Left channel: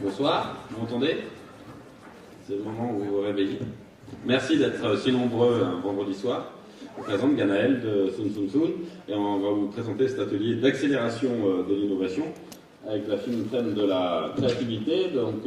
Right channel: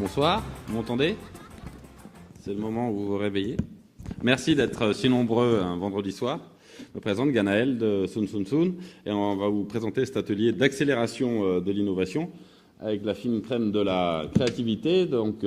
Bonsoir, vous m'entendez? C'est le moment où vous vous réveillez. Merci d'être si nombreux un vendredi soir. On présente Ganaël de Soon Soon Soon et on va vous présenter cet atelier d'accélération de l'innovation avec la fine crème de la créativité, donc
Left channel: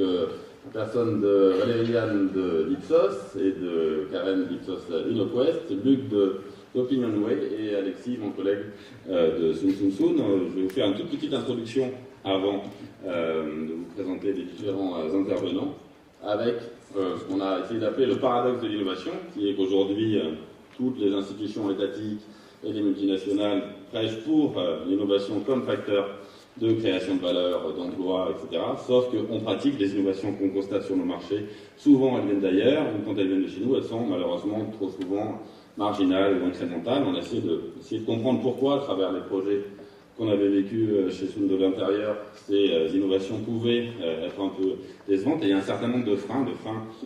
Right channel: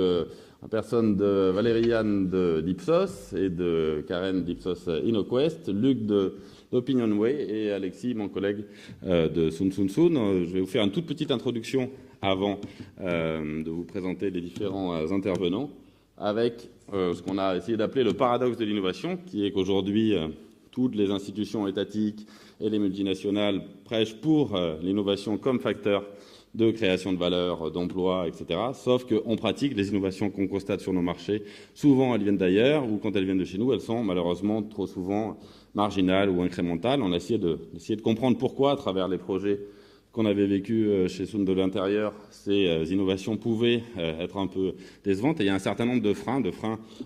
en personne de Valériane de d'Ipsos et de Karen d'Ipsos InnoQuest, Luc de d'OpinionWay et Alexis, mon collègue de Soon Soon Soon. Je vais vous faire une toute petite introduction avant de vous présenter les différents intervenants avec ce qu'on a essayé d'appeler le paradoxe de l'innovation, qui est qu'aujourd'hui, toutes les institutions étatiques et les multinationales prêchent pour l'innovation comme facteur de création de valeur, d'emploi, etc. Sauf qu'en pratique, les innovations qu'on constate sur nos marchés, souvent elles viennent d'ailleurs, ou quand elles viennent de chez nous, elles sont malheureusement trop souvent marginales ou incrémentales. On a essayé de comprendre pourquoi, à travers les projets qu'on avait vécu chez Soon de l'intérieur, ces innovations pouvaient être un peu décevantes. Et il y a un certain nombre de freins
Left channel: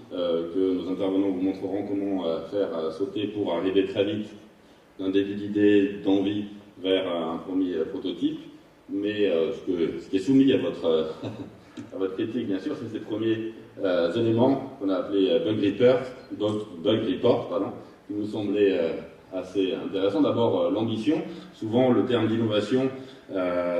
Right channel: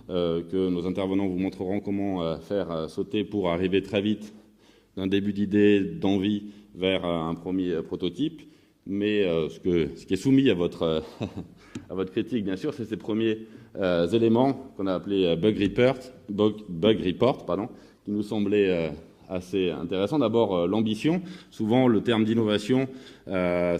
que nos intervenants vous montreront comment faire sauter pour arriver très vite d'un début d'idée, d'envie, vers un premier prototype. Mais ce qui est soumis à à votre critique, bien sûr, c'est ces premiers éléments qu'on a appelés bug report, pardon, qui nous semblaient assez intéressant. D'abord, l'ambition. Souvent, le terme d'innovation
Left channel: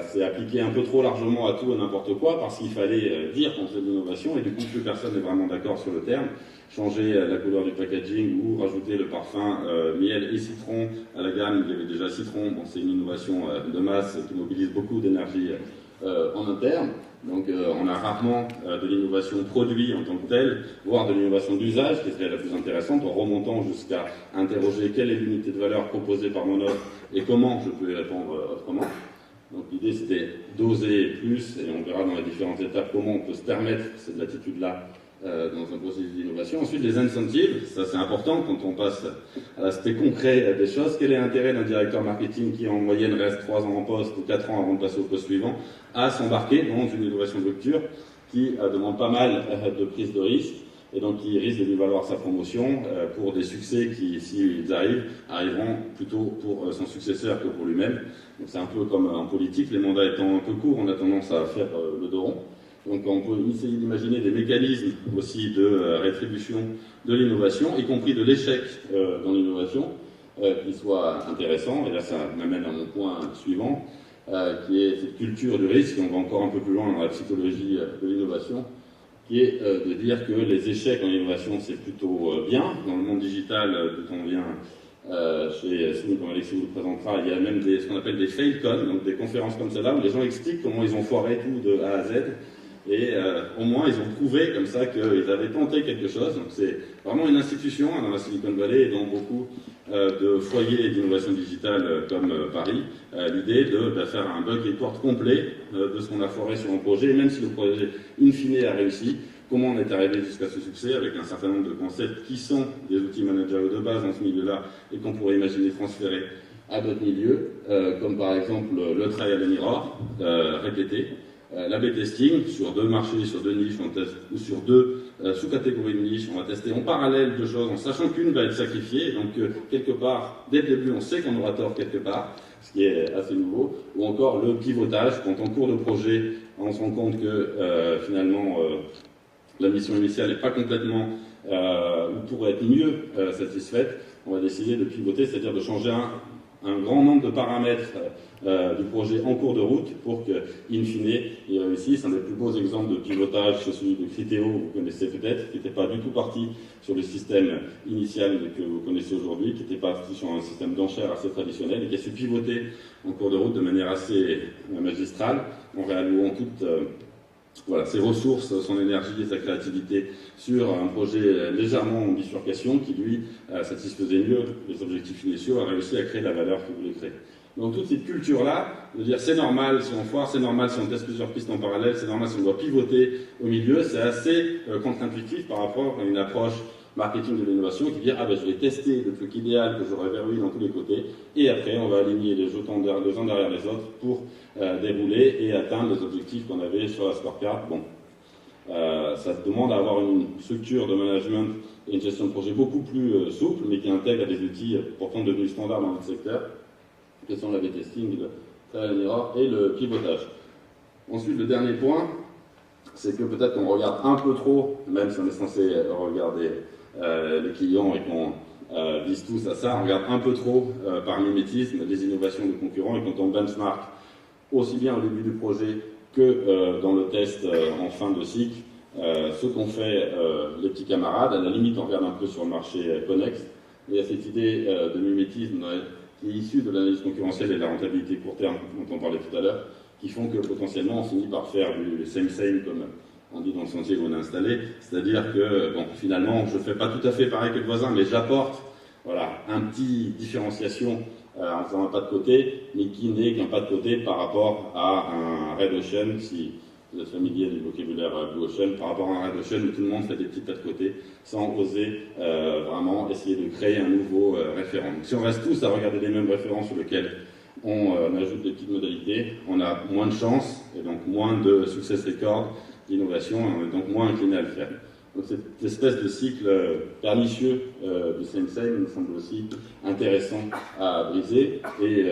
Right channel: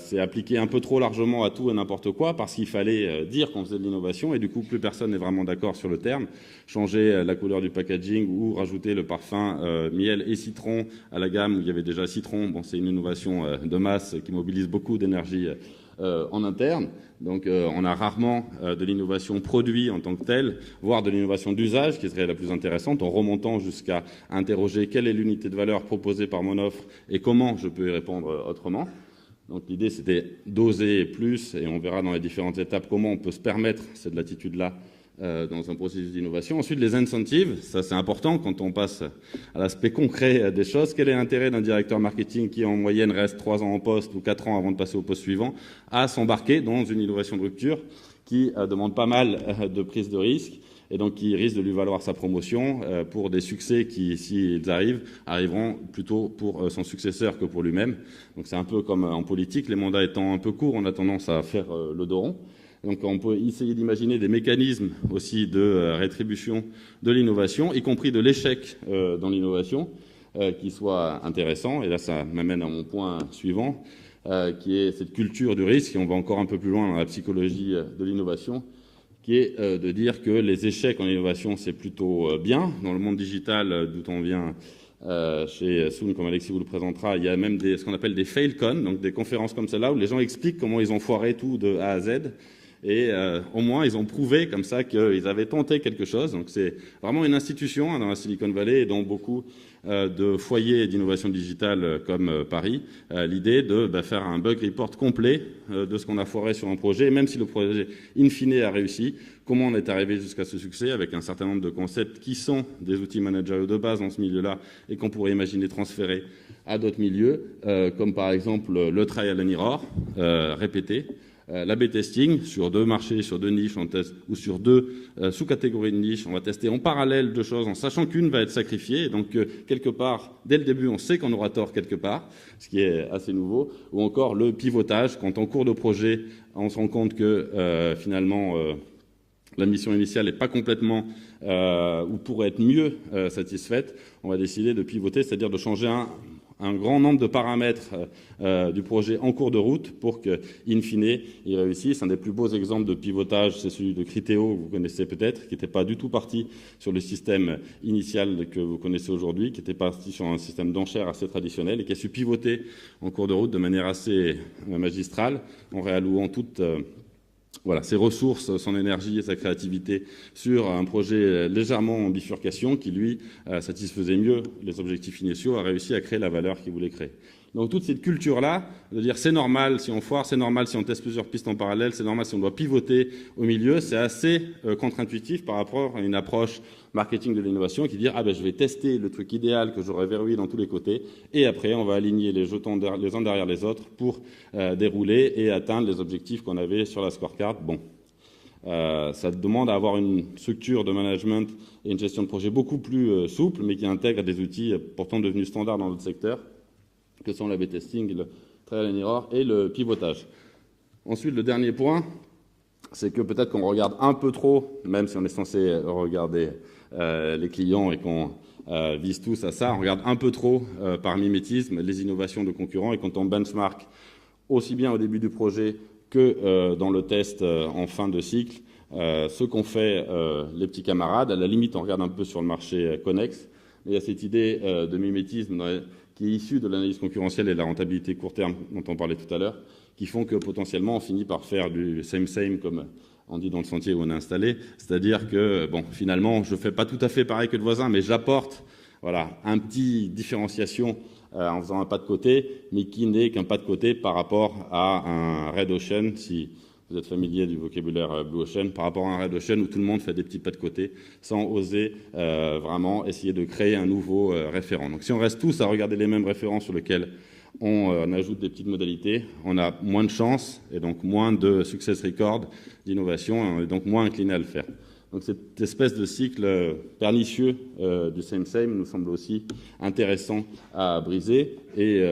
c'est appliqué un peu trop largement à tout et n'importe quoi parce qu'il fallait dire qu'on faisait de l'innovation et du coup, plus personne n'est vraiment d'accord sur le terme. Changer la couleur du packaging ou rajouter le parfum miel et citron à la gamme. Il y avait déjà citron. Bon, c'est une innovation de masse qui mobilise beaucoup d'énergie en interne. Donc on a rarement de l'innovation produit en tant que telle, voire de l'innovation d'usage qui serait la plus intéressante, en remontant jusqu'à interroger quelle est l'unité de valeur proposée par mon offre et comment je peux y répondre autrement. Donc l'idée c'était d'oser plus, et on verra dans les différentes étapes comment on peut se permettre cette latitude-là dans un processus d'innovation. Ensuite, les incentives, ça c'est important quand on passe à l'aspect concret des choses. Quel est l'intérêt d'un directeur marketing qui en moyenne reste 3 ans en poste ou 4 ans avant de passer au poste suivant à s'embarquer dans une innovation de rupture qui demande pas mal de prise de risque et donc qui risque de lui valoir sa promotion pour des succès qui, s'ils arriveront plutôt pour son successeur que pour lui-même. Donc c'est un peu comme en politique, les mandats étant un peu courts, on a tendance à faire le dos rond. Donc on peut essayer d'imaginer des mécanismes aussi de rétribution de l'innovation, y compris de l'échec dans l'innovation, qui soient intéressants. Et là, ça m'amène à mon point suivant, qui est cette culture du risque. On va encore un peu plus loin dans la psychologie de l'innovation, qui est de dire que les échecs en innovation, c'est plutôt bien. Dans le monde digital, d'où on vient chez Soon, comme Alexis vous le présentera, il y a même ce qu'on appelle des failcon, donc des conférences comme celle-là, où les gens expliquent comment ils ont foiré tout de A à Z. Et au moins, ils ont prouvé comme ça qu'ils avaient tenté quelque chose. Donc c'est vraiment une institution dans la Silicon Valley et dans beaucoup de foyers d'innovation digitale comme Paris. L'idée de faire un bug report complet de ce qu'on a foiré sur un projet, même si le projet in fine a réussi. Comment on est arrivé jusqu'à ce succès avec un certain nombre de concepts qui sont des outils managériaux de base dans ce milieu-là et qu'on pourrait imaginer transférer à d'autres milieux, comme par exemple le trial and error répété. L'A/B testing sur 2 marchés, sur 2 niches, ou sur 2 sous-catégories de niches. On va tester en parallèle 2 choses en sachant qu'une va être sacrifiée. Donc, quelque part, dès le début, on sait qu'on aura tort quelque part, ce qui est assez nouveau. Ou encore le pivotage, quand en cours de projet, on se rend compte que finalement, la mission initiale n'est pas complètement, ou pourrait être mieux satisfaite, on va décider de pivoter, c'est-à-dire de changer un grand nombre de paramètres du projet en cours de route pour que, in fine, il réussisse. Un des plus beaux exemples de pivotage, c'est celui de Criteo, vous connaissez peut-être, qui n'était pas du tout parti sur le système initial que vous connaissez aujourd'hui, qui était parti sur un système d'enchères assez traditionnel et qui a su pivoter en cours de route de manière assez magistrale, en réallouant toute ses ressources, son énergie et sa créativité sur un projet légèrement en bifurcation qui, lui, satisfaisait mieux les objectifs initiaux, a réussi à créer la valeur qu'il voulait créer. Donc toute cette culture-là, de dire c'est normal si on foire, c'est normal si on teste plusieurs pistes en parallèle, c'est normal si on doit pivoter au milieu, c'est assez contre-intuitif par rapport à une approche marketing de l'innovation qui dit je vais tester le truc idéal que j'aurais verrouillé dans tous les côtés et après on va aligner les jetons les uns derrière les autres pour dérouler et atteindre les objectifs qu'on avait sur la scorecard. Bon, ça demande d'avoir une structure de management et une gestion de projet beaucoup plus souple, mais qui intègre des outils pourtant devenus standards dans notre secteur, que sont l'A/B testing, le trial and error et le pivotage. Ensuite, le dernier point, c'est que peut-être qu'on regarde un peu trop, même si on est censé regarder les clients et qu'on vise tous à ça, on regarde un peu trop par mimétisme les innovations de concurrents, et quand on benchmark aussi bien au début du projet que dans le test en fin de cycle, ce qu'ont fait les petits camarades, à la limite on regarde un peu sur le marché connexe. Il y a cette idée de mimétisme qui est issue de l'analyse concurrentielle et de la rentabilité court terme dont on parlait tout à l'heure, qui font que potentiellement on finit par faire du same comme on dit dans le sentier où on est installé, c'est-à-dire que bon, finalement je ne fais pas tout à fait pareil que le voisin, mais j'apporte voilà, un petit différenciation en faisant un pas de côté, mais qui n'est qu'un pas de côté par rapport à un Red Ocean, si vous êtes familier du vocabulaire Blue Ocean, par rapport à un Red Ocean où tout le monde fait des petits pas de côté sans oser vraiment essayer de créer un nouveau référent. Donc si on reste tous à regarder les mêmes références sur lesquels on ajoute des petites modalités, on a moins de chances et donc moins de success record d'innovation, et on est donc moins incliné à le faire. Donc cette espèce de cycle pernicieux du same me semble aussi intéressant à briser. Et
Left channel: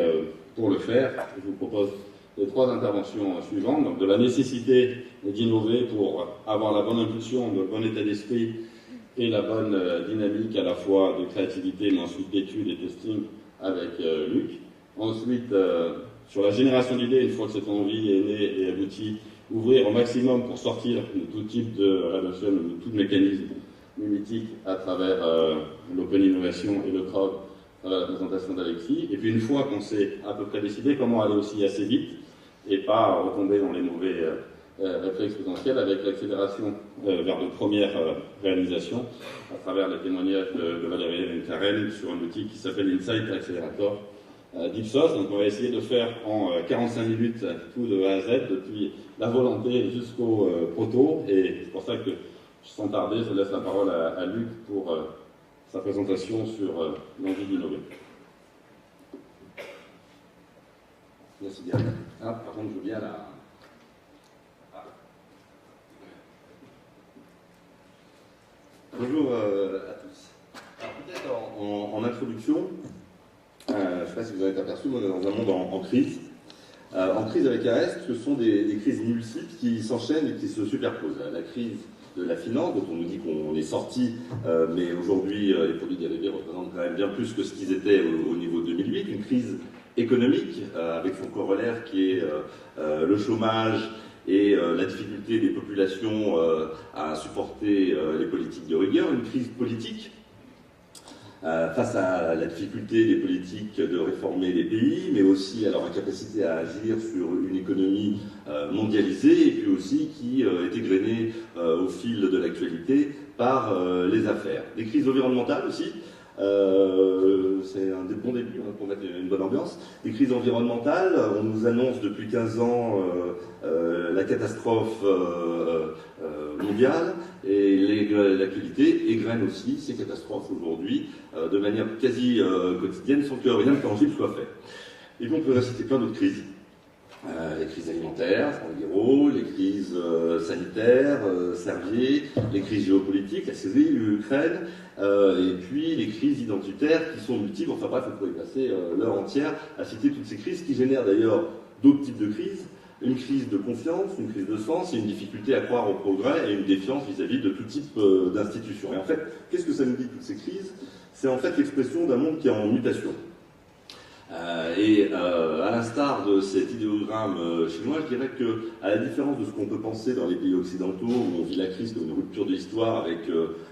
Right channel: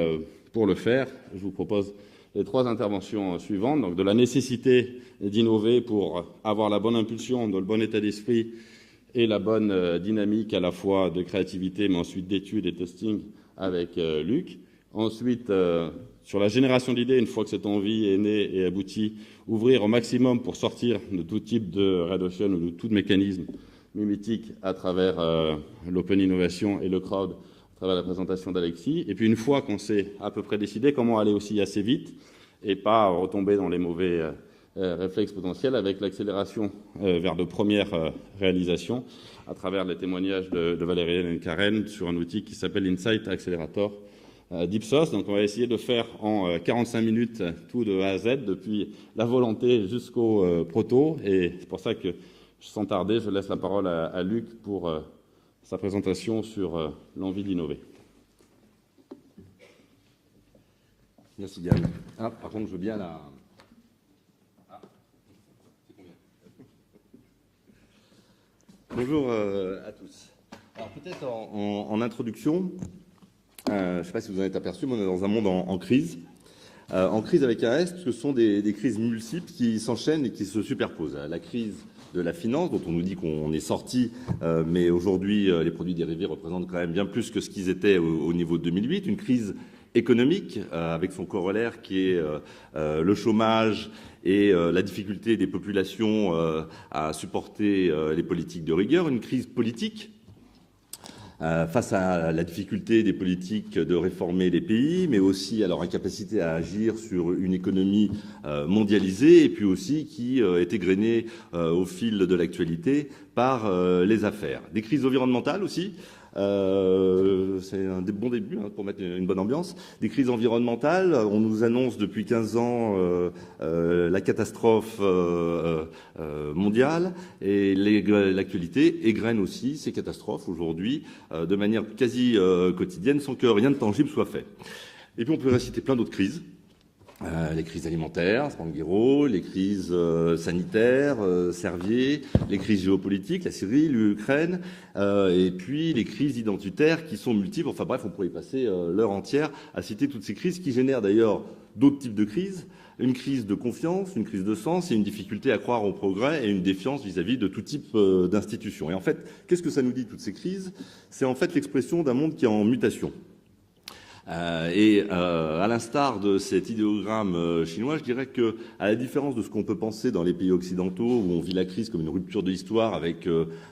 pour le faire, je vous propose les 3 interventions suivantes. Donc de la nécessité d'innover pour avoir la bonne impulsion, le bon état d'esprit et la bonne dynamique à la fois de créativité, mais ensuite d'études et testing avec Luc. Ensuite, sur la génération d'idées, une fois que cette envie est née et aboutie, ouvrir au maximum pour sortir de tout type de Red Ocean ou de tout mécanisme mimétique à travers l'open innovation et le crowd, à travers la présentation d'Alexis. Et puis une fois qu'on s'est à peu près décidé, comment aller aussi assez vite et pas retomber dans les mauvais réflexes potentiels avec l'accélération vers de premières réalisations à travers les témoignages de Valériane et Karen sur un outil qui s'appelle Insight Accelerator d'Ipsos. Donc on va essayer de faire en 45 minutes tout de A à Z, depuis la volonté jusqu'au proto, et c'est pour ça que sans tarder je laisse la parole à Luc pour sa présentation sur l'envie d'innover. Merci Diane. Ah, par contre je veux bien la... Bonjour à tous. Alors peut-être en introduction, je ne sais pas si vous en êtes aperçu, mais on est dans un monde en crise. En crise avec un S, ce sont des crises multiples qui s'enchaînent et qui se superposent. La crise de la finance, dont on nous dit qu'on est sorti, mais aujourd'hui les produits dérivés représentent quand même bien plus que ce qu'ils étaient au niveau de 2008. Une crise économique avec son corollaire qui est le chômage et la difficulté des populations à supporter les politiques de rigueur. Une crise politique face à la difficulté des politiques de réformer les pays, mais aussi à leur incapacité à agir sur une économie mondialisée, et puis aussi qui est égrenée au fil de l'actualité par les affaires. Des crises environnementales aussi. C'est un bon début pour mettre une bonne ambiance. Des crises environnementales, on nous annonce depuis 15 ans la catastrophe mondiale, et l'actualité égrène aussi ces catastrophes aujourd'hui de manière quasi quotidienne sans que rien de tangible soit fait. Et puis on peut citer plein d'autres crises. Les crises alimentaires, Tranguero, les crises sanitaires, Servier, les crises géopolitiques, la Syrie, l'Ukraine, et puis les crises identitaires qui sont multiples. Enfin bref, on pourrait y passer l'heure entière à citer toutes ces crises qui génèrent d'ailleurs d'autres types de crises. Une crise de confiance, une crise de sens et une difficulté à croire au progrès et une défiance vis-à-vis de tout type d'institutions. Et en fait, qu'est-ce que ça nous dit toutes ces crises? C'est en fait l'expression d'un monde qui est en mutation. À l'instar de cet idéogramme chinois, je dirais qu'à la différence de ce qu'on peut penser dans les pays occidentaux, où on vit la crise comme une rupture de l'histoire avec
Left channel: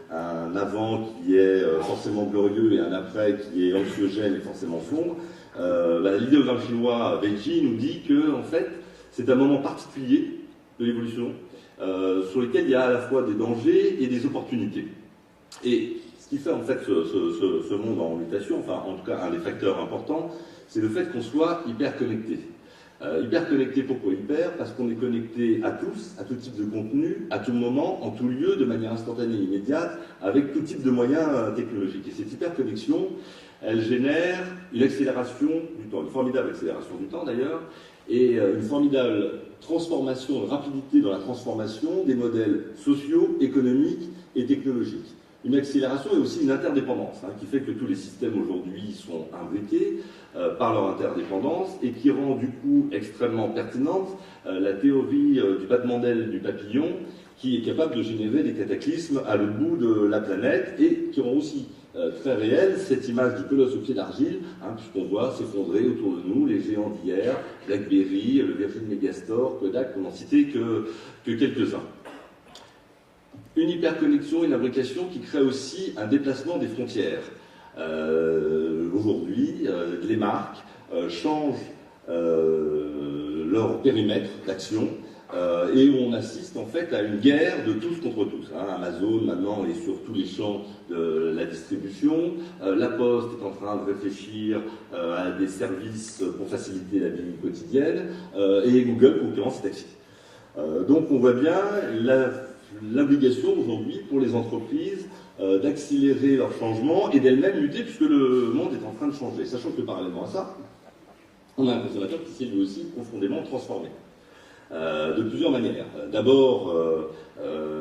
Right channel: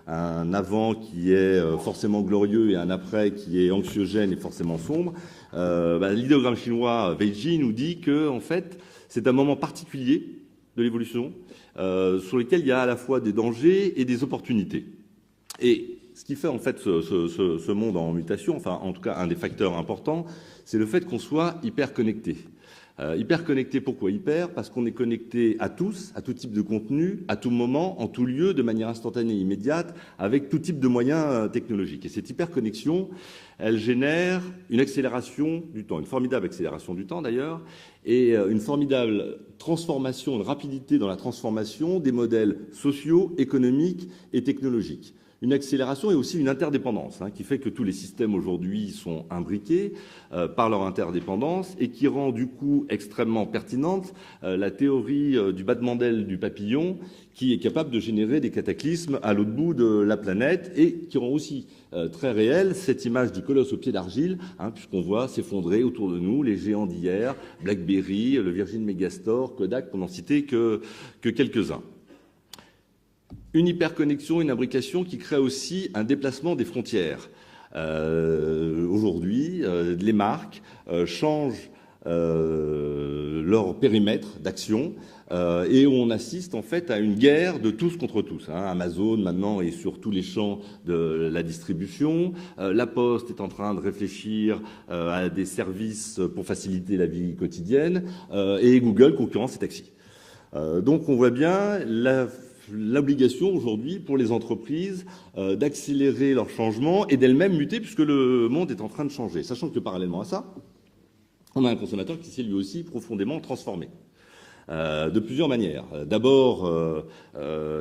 un avant qui est forcément glorieux et un après qui est anxiogène et forcément sombre, l'idéogramme chinois Beiji nous dit que en fait, c'est un moment particulier de l'évolution sur lequel il y a à la fois des dangers et des opportunités. Et ce qui fait en fait ce monde en mutation, enfin en tout cas un des facteurs importants, c'est le fait qu'on soit hyper connecté. Hyper connecté, pourquoi hyper? Parce qu'on est connecté à tous, à tout type de contenu, à tout moment, en tout lieu, de manière instantanée et immédiate, avec tout type de moyens technologiques. Et cette hyperconnexion, elle génère une accélération du temps, une formidable accélération du temps d'ailleurs, et une formidable transformation, une rapidité dans la transformation des modèles sociaux, économiques et technologiques. une accélération et aussi une interdépendance, qui fait que tous les systèmes aujourd'hui sont imbriqués par leur interdépendance et qui rend du coup extrêmement pertinente la théorie du battement d'aile du papillon qui est capable de générer des cataclysmes à l'autre bout de la planète et qui rend aussi très réelle cette image du colosse au pied d'argile, puisqu'on voit s'effondrer autour de nous les géants d'hier, BlackBerry, le Virgin Megastore, Kodak, pour n'en citer que quelques-uns. Une hyperconnexion, une imbrication qui crée aussi un déplacement des frontières. Aujourd'hui, les marques changent leur périmètre d'action et on assiste en fait à une guerre de tous contre tous. Amazon maintenant est sur tous les champs de la distribution, La Poste est en train de réfléchir à des services pour faciliter la vie quotidienne et Google concurrence est taxi. Donc on voit bien l'obligation aujourd'hui pour les entreprises d'accélérer leur changement et d'elles-mêmes muter puisque le monde est en train de changer. Sachant que parallèlement à ça, on a un consommateur qui s'est lui aussi profondément transformé. De plusieurs manières. D'abord,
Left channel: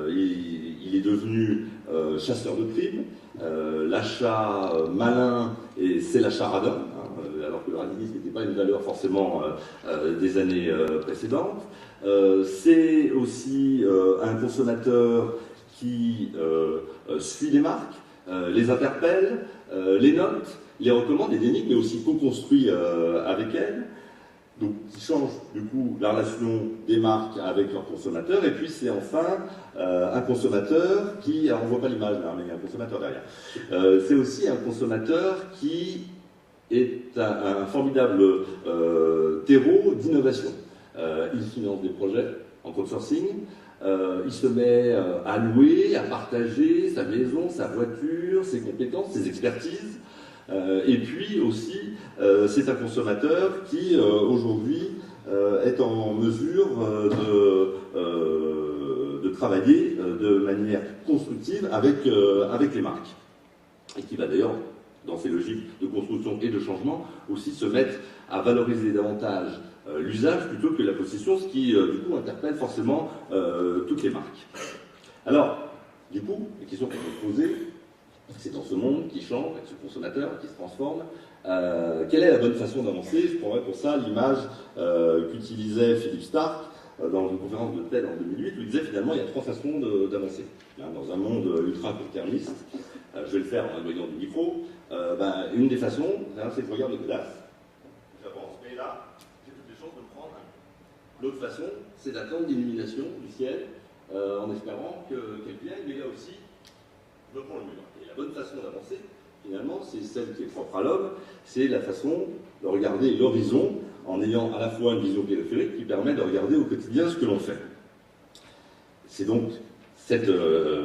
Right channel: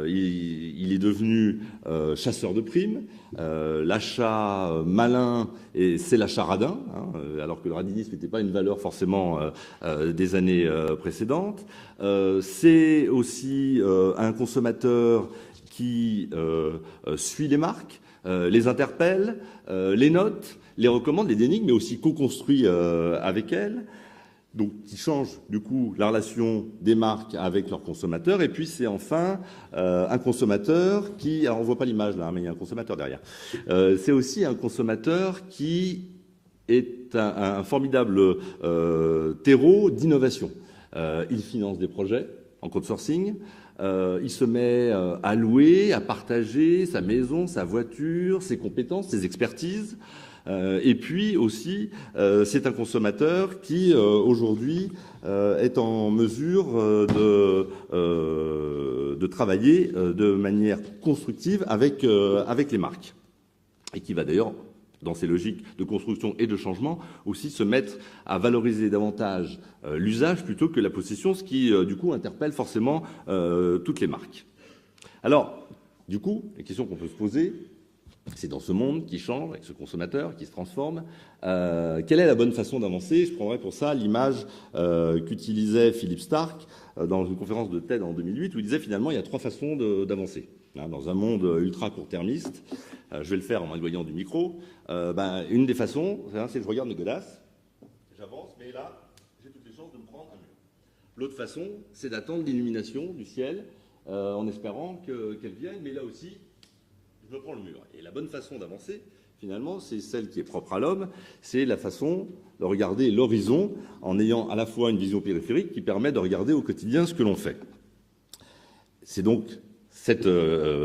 il est devenu chasseur de primes. L'achat malin, c'est l'achat radin, alors que le radinisme n'était pas une valeur forcément des années précédentes. C'est aussi un consommateur qui suit les marques, les interpelle, les note, les recommande, les dénigre, mais aussi co-construit avec elles. Donc, qui change du coup la relation des marques avec leurs consommateurs. Et puis, c'est enfin un consommateur qui... Alors, on ne voit pas l'image là, mais il y a un consommateur derrière. C'est aussi un consommateur qui est un formidable terreau d'innovation. Il finance des projets en crowdsourcing. Il se met à louer, à partager sa maison, sa voiture, ses compétences, ses expertises. Et puis aussi, c'est un consommateur qui, aujourd'hui, est en mesure de travailler de manière constructive avec les marques. Et qui va d'ailleurs, dans ces logiques de construction et de changement, aussi se mettre à valoriser davantage l'usage plutôt que la possession, ce qui, du coup, interpelle forcément toutes les marques. Alors, du coup, la question qu'on peut se poser, c'est dans ce monde qui change, avec ce consommateur qui se transforme, quelle est la bonne façon d'avancer? Je prendrais pour ça l'image qu'utilisait Philippe Stark dans une conférence de TED en 2008, où il disait finalement il y a trois façons d'avancer. Dans un monde ultra court-termiste, je vais le faire en éloignant du micro, une des façons, c'est de regarder Nicolas. J'avance, et là, j'ai toutes les chances de prendre. L'autre façon, c'est d'attendre l'illumination du ciel en espérant qu'elle vienne, mais là aussi, je prends le mur. Et la bonne façon d'avancer, finalement, c'est celle qui est propre à l'homme, c'est la façon de regarder l'horizon en ayant à la fois une vision périphérique qui permet de regarder au quotidien ce que l'on fait. C'est donc cette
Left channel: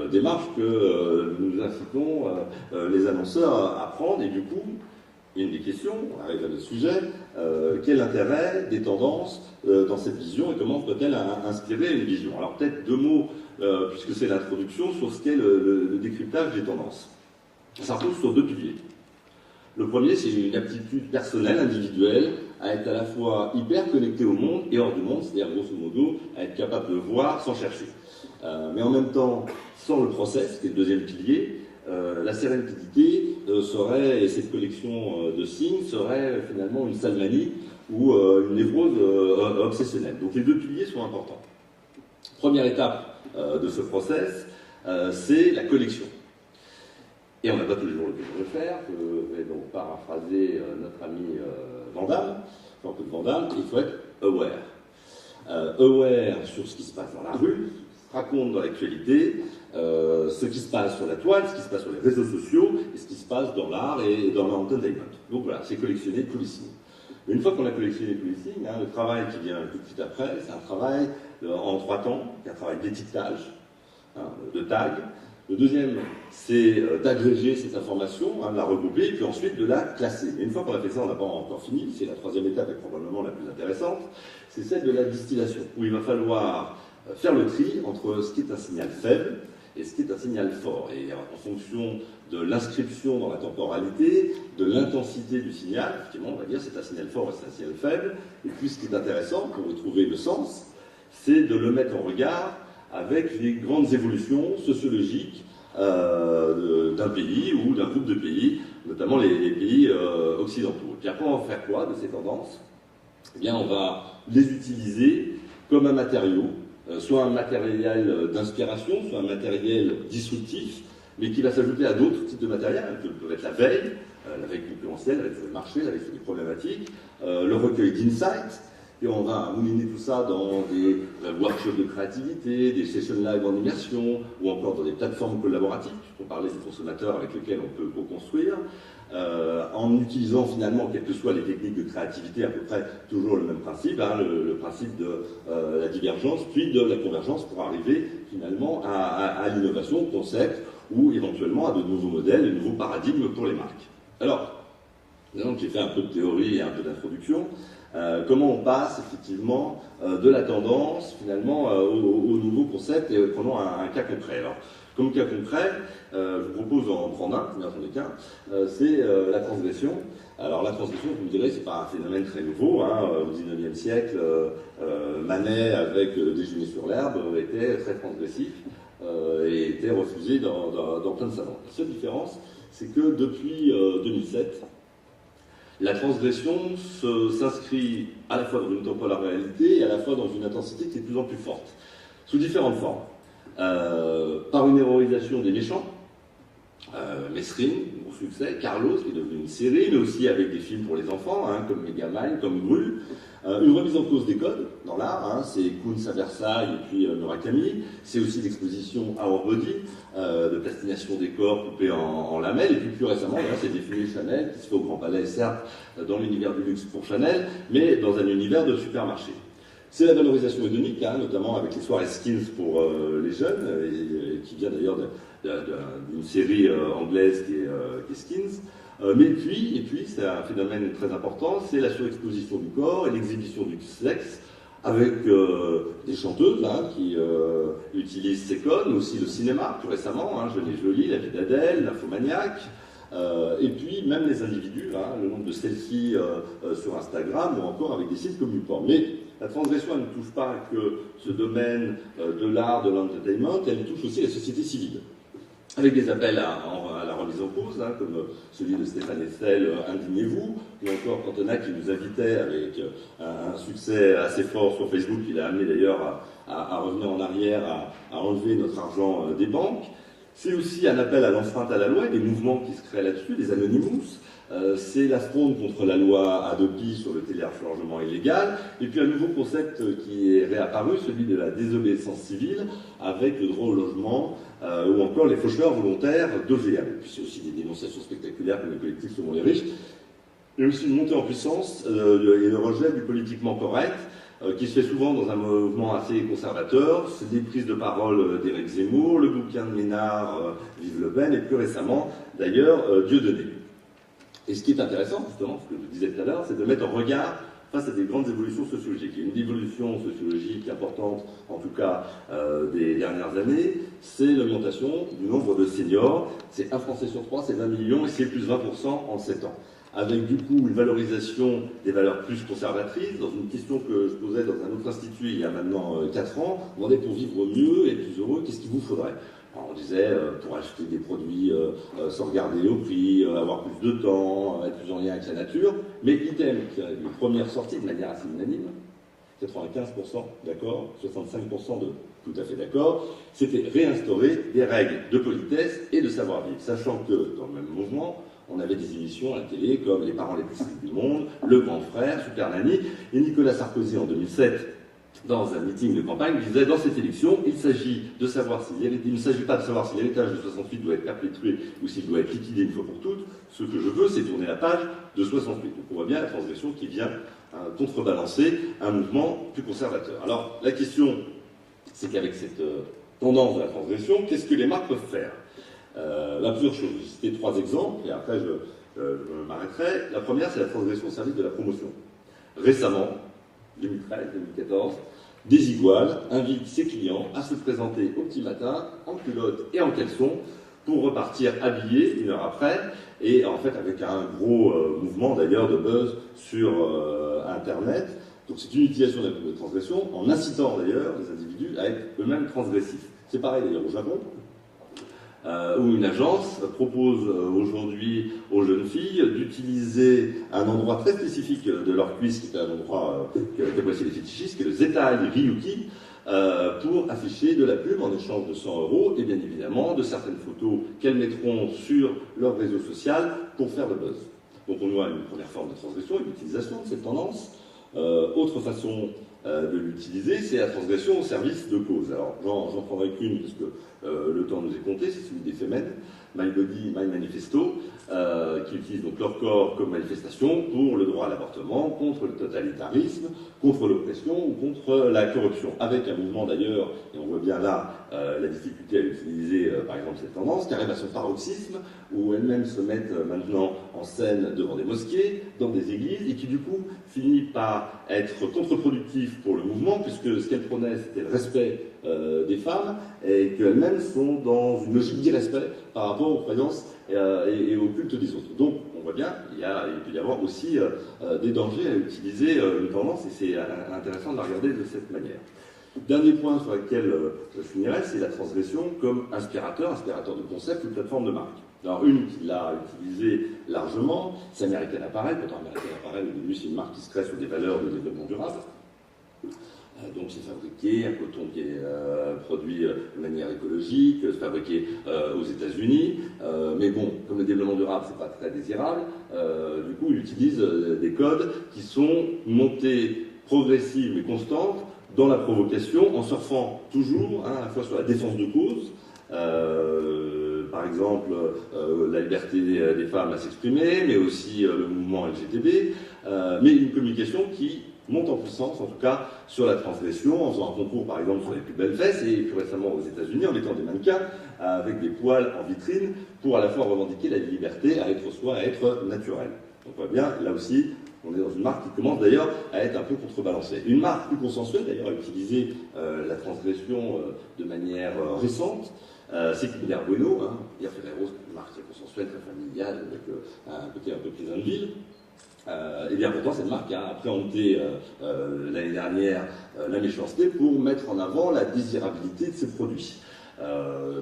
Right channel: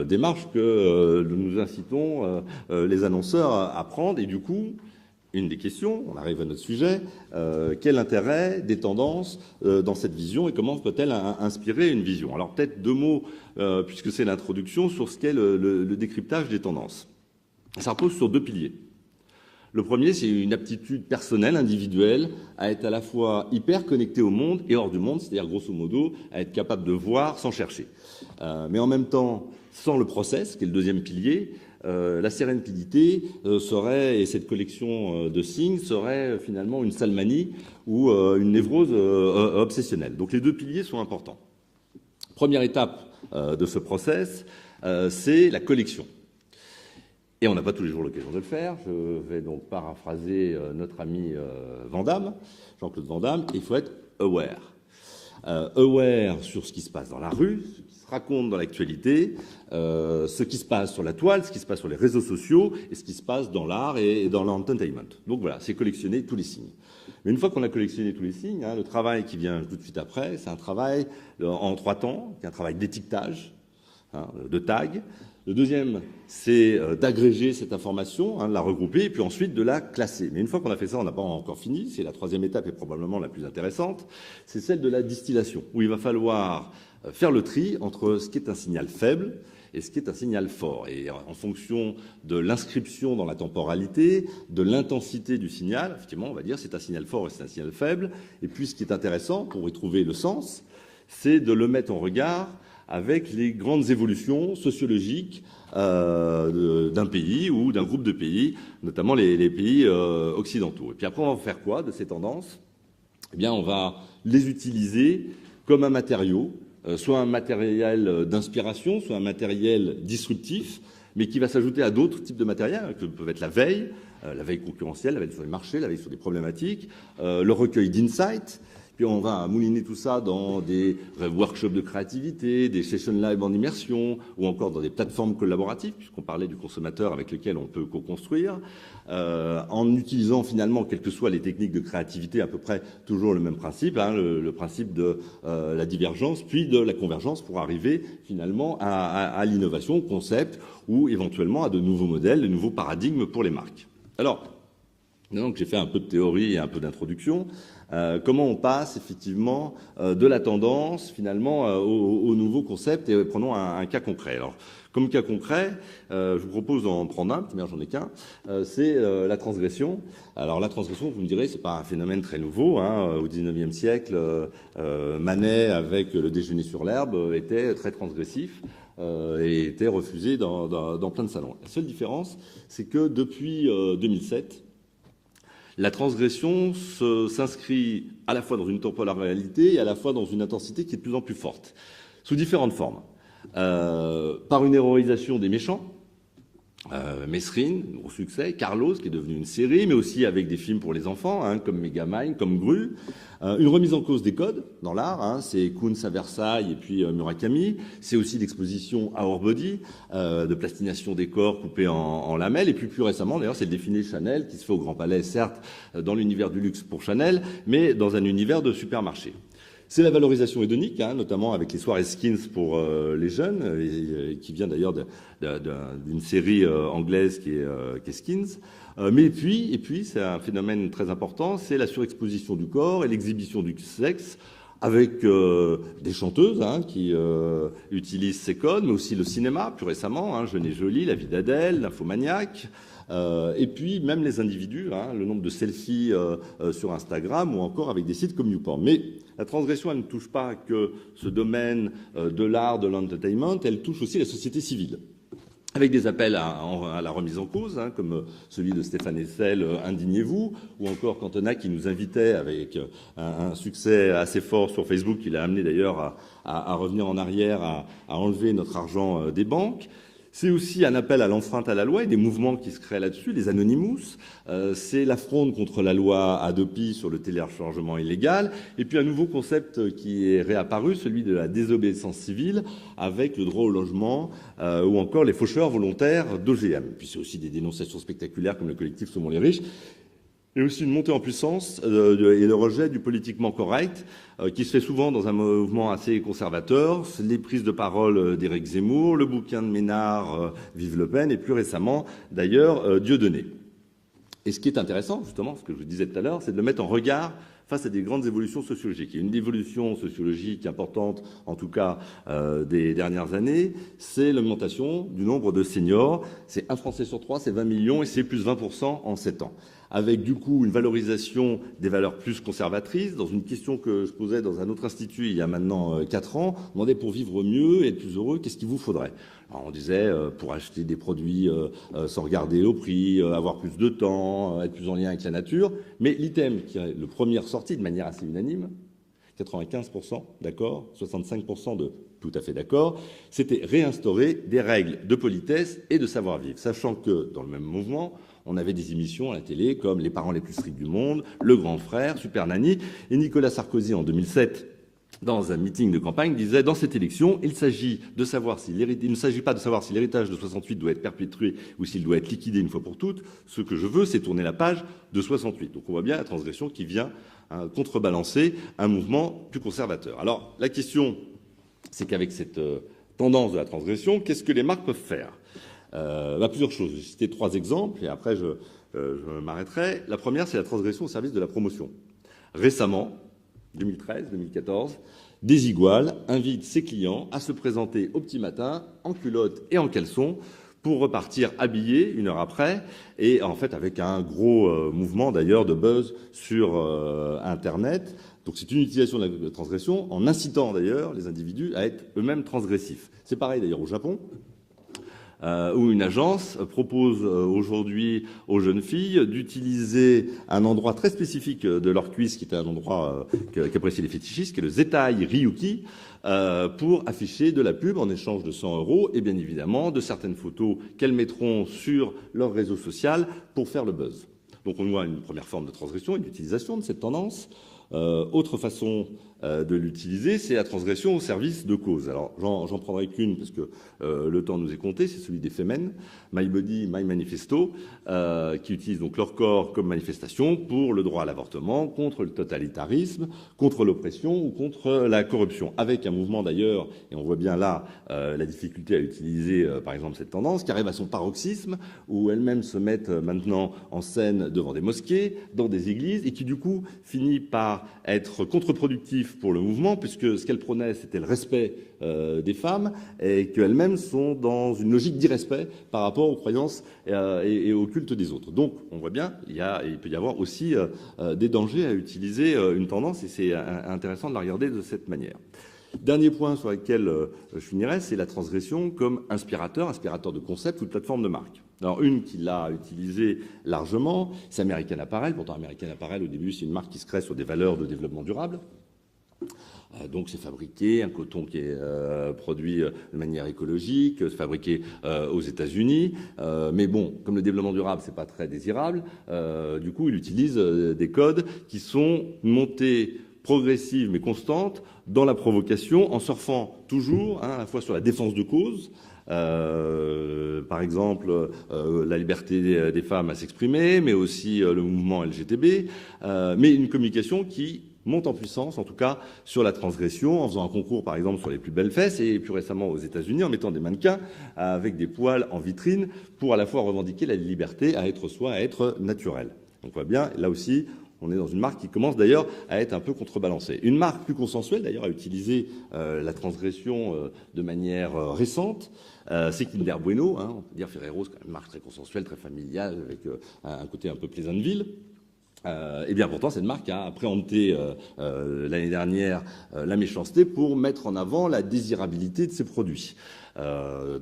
démarche que nous incitons les annonceurs à prendre, et du coup, une des questions, on arrive à notre sujet, quel intérêt des tendances dans cette vision et comment peut-elle inspirer une vision? Alors peut-être deux mots, puisque c'est l'introduction, sur ce qu'est le décryptage des tendances. Ça repose sur deux piliers. Le premier, c'est une aptitude personnelle, individuelle, à être à la fois hyper connecté au monde et hors du monde, c'est-à-dire grosso modo, à être capable de voir sans chercher. Mais en même temps, sans le process, qui est le deuxième pilier, la sérénité serait, et cette collection de signes serait finalement une salmanie ou une névrose obsessionnelle. Donc les deux piliers sont importants. Première étape de ce process, c'est la collection. Et on n'a pas tous les jours l'occasion de le faire. Je vais donc paraphraser notre ami Jean-Claude Van Damme, il faut être aware. Aware sur ce qui se passe dans la rue, ce qui se raconte dans l'actualité, ce qui se passe sur la toile, ce qui se passe sur les réseaux sociaux, et ce qui se passe dans l'art et dans l'entertainment. Donc voilà, c'est collectionner tous les signes. Mais une fois qu'on a collectionné tous les signes, le travail qui vient tout de suite après, c'est un travail en 3 temps, un travail d'étiquetage, de tag. Le deuxième, c'est d'agréger cette information, de la regrouper, et puis ensuite de la classer. Mais une fois qu'on a fait ça, on n'a pas encore fini, c'est la troisième étape et probablement la plus intéressante, c'est celle de la distillation, où il va falloir faire le tri entre ce qui est un signal faible et ce qui est un signal fort. Et en fonction de l'inscription dans la temporalité, de l'intensité du signal, effectivement, on va dire c'est un signal fort et c'est un signal faible. Et puis ce qui est intéressant, pour retrouver le sens, c'est de le mettre en regard avec les grandes évolutions sociologiques d'un pays ou d'un groupe de pays, notamment les pays occidentaux. Et puis après, on va faire quoi de ces tendances? Eh bien, on va les utiliser comme un matériau, soit un matériel d'inspiration, soit un matériel disruptif, mais qui va s'ajouter à d'autres types de matériel, qui peuvent être la veille concurrentielle, la veille sur les marchés, la veille sur les problématiques, le recueil d'insights. Puis on va mouliner tout ça dans des workshops de créativité, des sessions live en immersion, ou encore dans des plateformes collaboratives, puisqu'on parlait des consommateurs avec lesquels on peut co-construire, en utilisant finalement, quelles que soient les techniques de créativité, à peu près toujours le même principe, hein, le principe de la divergence, puis de la convergence pour arriver finalement à l'innovation, au concept, ou éventuellement à de nouveaux modèles, de nouveaux paradigmes pour les marques. Alors, maintenant que j'ai fait un peu de théorie et un peu d'introduction, comment on passe effectivement de la tendance finalement au nouveau concept, et prenons un cas concret. Alors, comme cas concret, je vous propose d'en prendre un, bien j'en ai qu'un, c'est la transgression. Alors la transgression, vous me direz, c'est pas un phénomène très nouveau, hein. Au XIXe siècle, Manet avec Déjeuner sur l'herbe était très transgressif et était refusé dans plein de salons. La seule différence, c'est que depuis 2007, la transgression s'inscrit à la fois dans une temporalité et à la fois dans une intensité qui est de plus en plus forte, sous différentes formes. Par une héroïsation des méchants, Mesrine, gros succès, Carlos, qui est devenu une série, mais aussi avec des films pour les enfants, hein, comme Megamind, comme Gru. Une remise en cause des codes dans l'art, hein, c'est Kunz à Versailles et puis Murakami. C'est aussi l'exposition Our Body, de plastination des corps coupés en lamelles. Et puis plus récemment, d'ailleurs, c'est le défilé Chanel, qui se fait au Grand Palais, certes, dans l'univers du luxe pour Chanel, mais dans un univers de supermarché. C'est la valorisation hédonique, hein, notamment avec les soirées skins pour les jeunes, qui vient d'ailleurs d'une série anglaise qui est Skins. Et puis, c'est un phénomène très important, c'est la surexposition du corps et l'exhibition du sexe, avec des chanteuses hein, qui utilisent ces codes, mais aussi le cinéma, plus récemment, hein, Jeune et Jolie, La vie d'Adèle, L'Infomaniac. Et puis même les individus, hein, le nombre de selfies sur Instagram ou encore avec des sites comme YouPorn. Mais la transgression, elle ne touche pas que ce domaine de l'art, de l'entertainment, elle touche aussi la société civile. Avec des appels à la remise en cause, hein, comme celui de Stéphane Hessel, Indignez-vous, ou encore Cantona qui nous invitait avec un succès assez fort sur Facebook, il a amené d'ailleurs à revenir en arrière, à enlever notre argent des banques. C'est aussi un appel à l'enfreinte à la loi et des mouvements qui se créent là-dessus, les Anonymous. C'est la fronde contre la loi Hadopi sur le téléchargement illégal. Et puis un nouveau concept qui est réapparu, celui de la désobéissance civile, avec le droit au logement ou encore les faucheurs volontaires d'OGM. Et puis c'est aussi des dénonciations spectaculaires comme le collectif Saumon les riches. Et aussi une montée en puissance et le rejet du politiquement correct, qui se fait souvent dans un mouvement assez conservateur. Les prises de parole d'Éric Zemmour, le bouquin de Ménard, Vive Le Pen, et plus récemment, d'ailleurs, Dieudonné. Et ce qui est intéressant, justement, ce que je disais tout à l'heure, c'est de mettre en regard face à des grandes évolutions sociologiques. Il y a une évolution sociologique importante, en tout cas des dernières années, c'est l'augmentation du nombre de seniors. C'est 1 Français sur 3, c'est 20 millions, et c'est plus 20% en 7 ans. Avec du coup une valorisation des valeurs plus conservatrices, dans une question que je posais dans un autre institut il y a maintenant 4 ans, on demandait pour vivre mieux et être plus heureux, qu'est-ce qu'il vous faudrait? Alors on disait pour acheter des produits sans regarder au prix, avoir plus de temps, être plus en lien avec la nature, mais l'item qui est le premier sorti de manière assez unanime, 95% d'accord, 65% de tout à fait d'accord, c'était réinstaurer des règles de politesse et de savoir-vivre, sachant que dans le même mouvement, on avait des émissions à la télé comme Les parents les plus stricts du monde, Le Grand Frère, Super Nanny, et Nicolas Sarkozy en 2007, dans un meeting de campagne, disait dans cette élection, il ne s'agit pas de savoir si l'héritage de 68 doit être perpétué ou s'il doit être liquidé une fois pour toutes. Ce que je veux, c'est tourner la page de 68. Donc on voit bien la transgression qui vient contrebalancer un mouvement plus conservateur. Alors la question, c'est qu'avec cette tendance de la transgression, qu'est-ce que les marques peuvent faire? Plusieurs choses. Je vais citer 3 exemples et après je m'arrêterai. La première, c'est la transgression au service de la promotion. Récemment, 2013-2014, Desigual invite ses clients à se présenter au petit matin en culotte et en caleçon pour repartir habillés 1 heure après, et en fait avec un gros mouvement d'ailleurs de buzz sur Internet, Donc c'est une utilisation de transgression en incitant d'ailleurs les individus à être eux-mêmes transgressifs. C'est pareil d'ailleurs au Japon, où une agence propose aujourd'hui aux jeunes filles d'utiliser un endroit très spécifique de leur cuisse, qui est un endroit qu'apprécient les fétichistes, qui est le Zetai Ryuki, pour afficher de la pub en échange de 100 € et bien évidemment de certaines photos qu'elles mettront sur leur réseau social pour faire le buzz. Donc on voit une première forme de transgression et d'utilisation de cette tendance. Autre façon de l'utiliser, c'est la transgression au service de cause. Alors j'en prendrai qu'une parce que le temps nous est compté, c'est celui des Femen, My Body, My Manifesto, qui utilisent donc leur corps comme manifestation pour le droit à l'avortement, contre le totalitarisme, contre l'oppression ou contre la corruption. Avec un mouvement d'ailleurs, et on voit bien là la difficulté à utiliser par exemple cette tendance, qui arrive à son paroxysme, où elles-mêmes se mettent maintenant en scène devant des mosquées, dans des églises, et qui du coup finit par être contre-productif pour le mouvement, puisque ce qu'elles prônaient c'était le respect des femmes, et qu'elles-mêmes sont dans une logique d'irrespect par rapport aux croyances et au culte des autres. Donc on voit bien, il peut y avoir aussi des dangers à utiliser une tendance, et c'est intéressant de la regarder de cette manière. Dernier point sur lequel je finirai, c'est la transgression comme inspirateur de concept ou de plateforme de marque. Alors une qui l'a utilisée largement, c'est American Apparel. Pourtant American Apparel au début c'est une marque qui se crée sur des valeurs de développement durable. Donc c'est fabriqué, un coton qui est produit de manière écologique, c'est fabriqué aux États-Unis, mais bon, comme le développement durable c'est pas très désirable, du coup il utilise des codes qui sont montés progressives mais constantes dans la provocation, en surfant toujours à la fois sur la défense de cause, par exemple la liberté des femmes à s'exprimer, mais aussi le mouvement LGTB, mais une communication qui monte en puissance, en tout cas sur la transgression, en faisant un concours par exemple sur les plus belles fesses, et plus récemment aux États-Unis en mettant des mannequins avec des poils en vitrine pour à la fois revendiquer la liberté à être soi, à être naturel. Donc on voit bien, là aussi, on est dans une marque qui commence d'ailleurs à être un peu contrebalancée. Une marque plus consensuelle d'ailleurs a utilisé la transgression de manière récente. C'est Kinder Bueno, hein. On peut dire Ferrero, c'est une marque très consensuelle, très familiale, avec un côté un peu Pleasantville. Et bien pourtant cette marque a appréhendé l'année dernière la méchanceté pour mettre en avant la désirabilité de ses produits.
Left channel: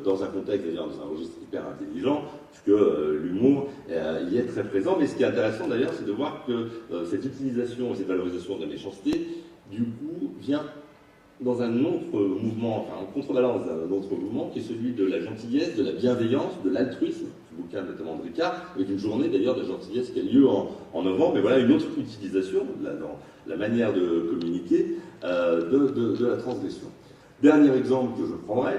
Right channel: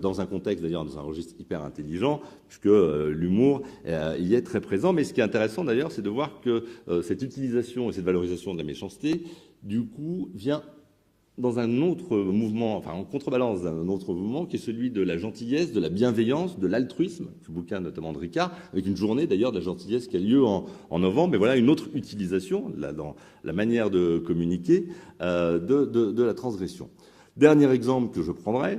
Dans un contexte, d'ailleurs dans un registre hyper intelligent, puisque l'humour y est très présent. Mais ce qui est intéressant d'ailleurs, c'est de voir que cette utilisation et cette valorisation de la méchanceté, du coup, vient dans un autre mouvement, enfin en contrebalance d'un autre mouvement, qui est celui de la gentillesse, de la bienveillance, de l'altruisme, ce bouquin notamment de Ricard, avec une journée d'ailleurs de gentillesse qui a lieu en novembre, mais voilà une autre utilisation, là, dans la manière de communiquer, de la transgression. Dernier exemple que je prendrai,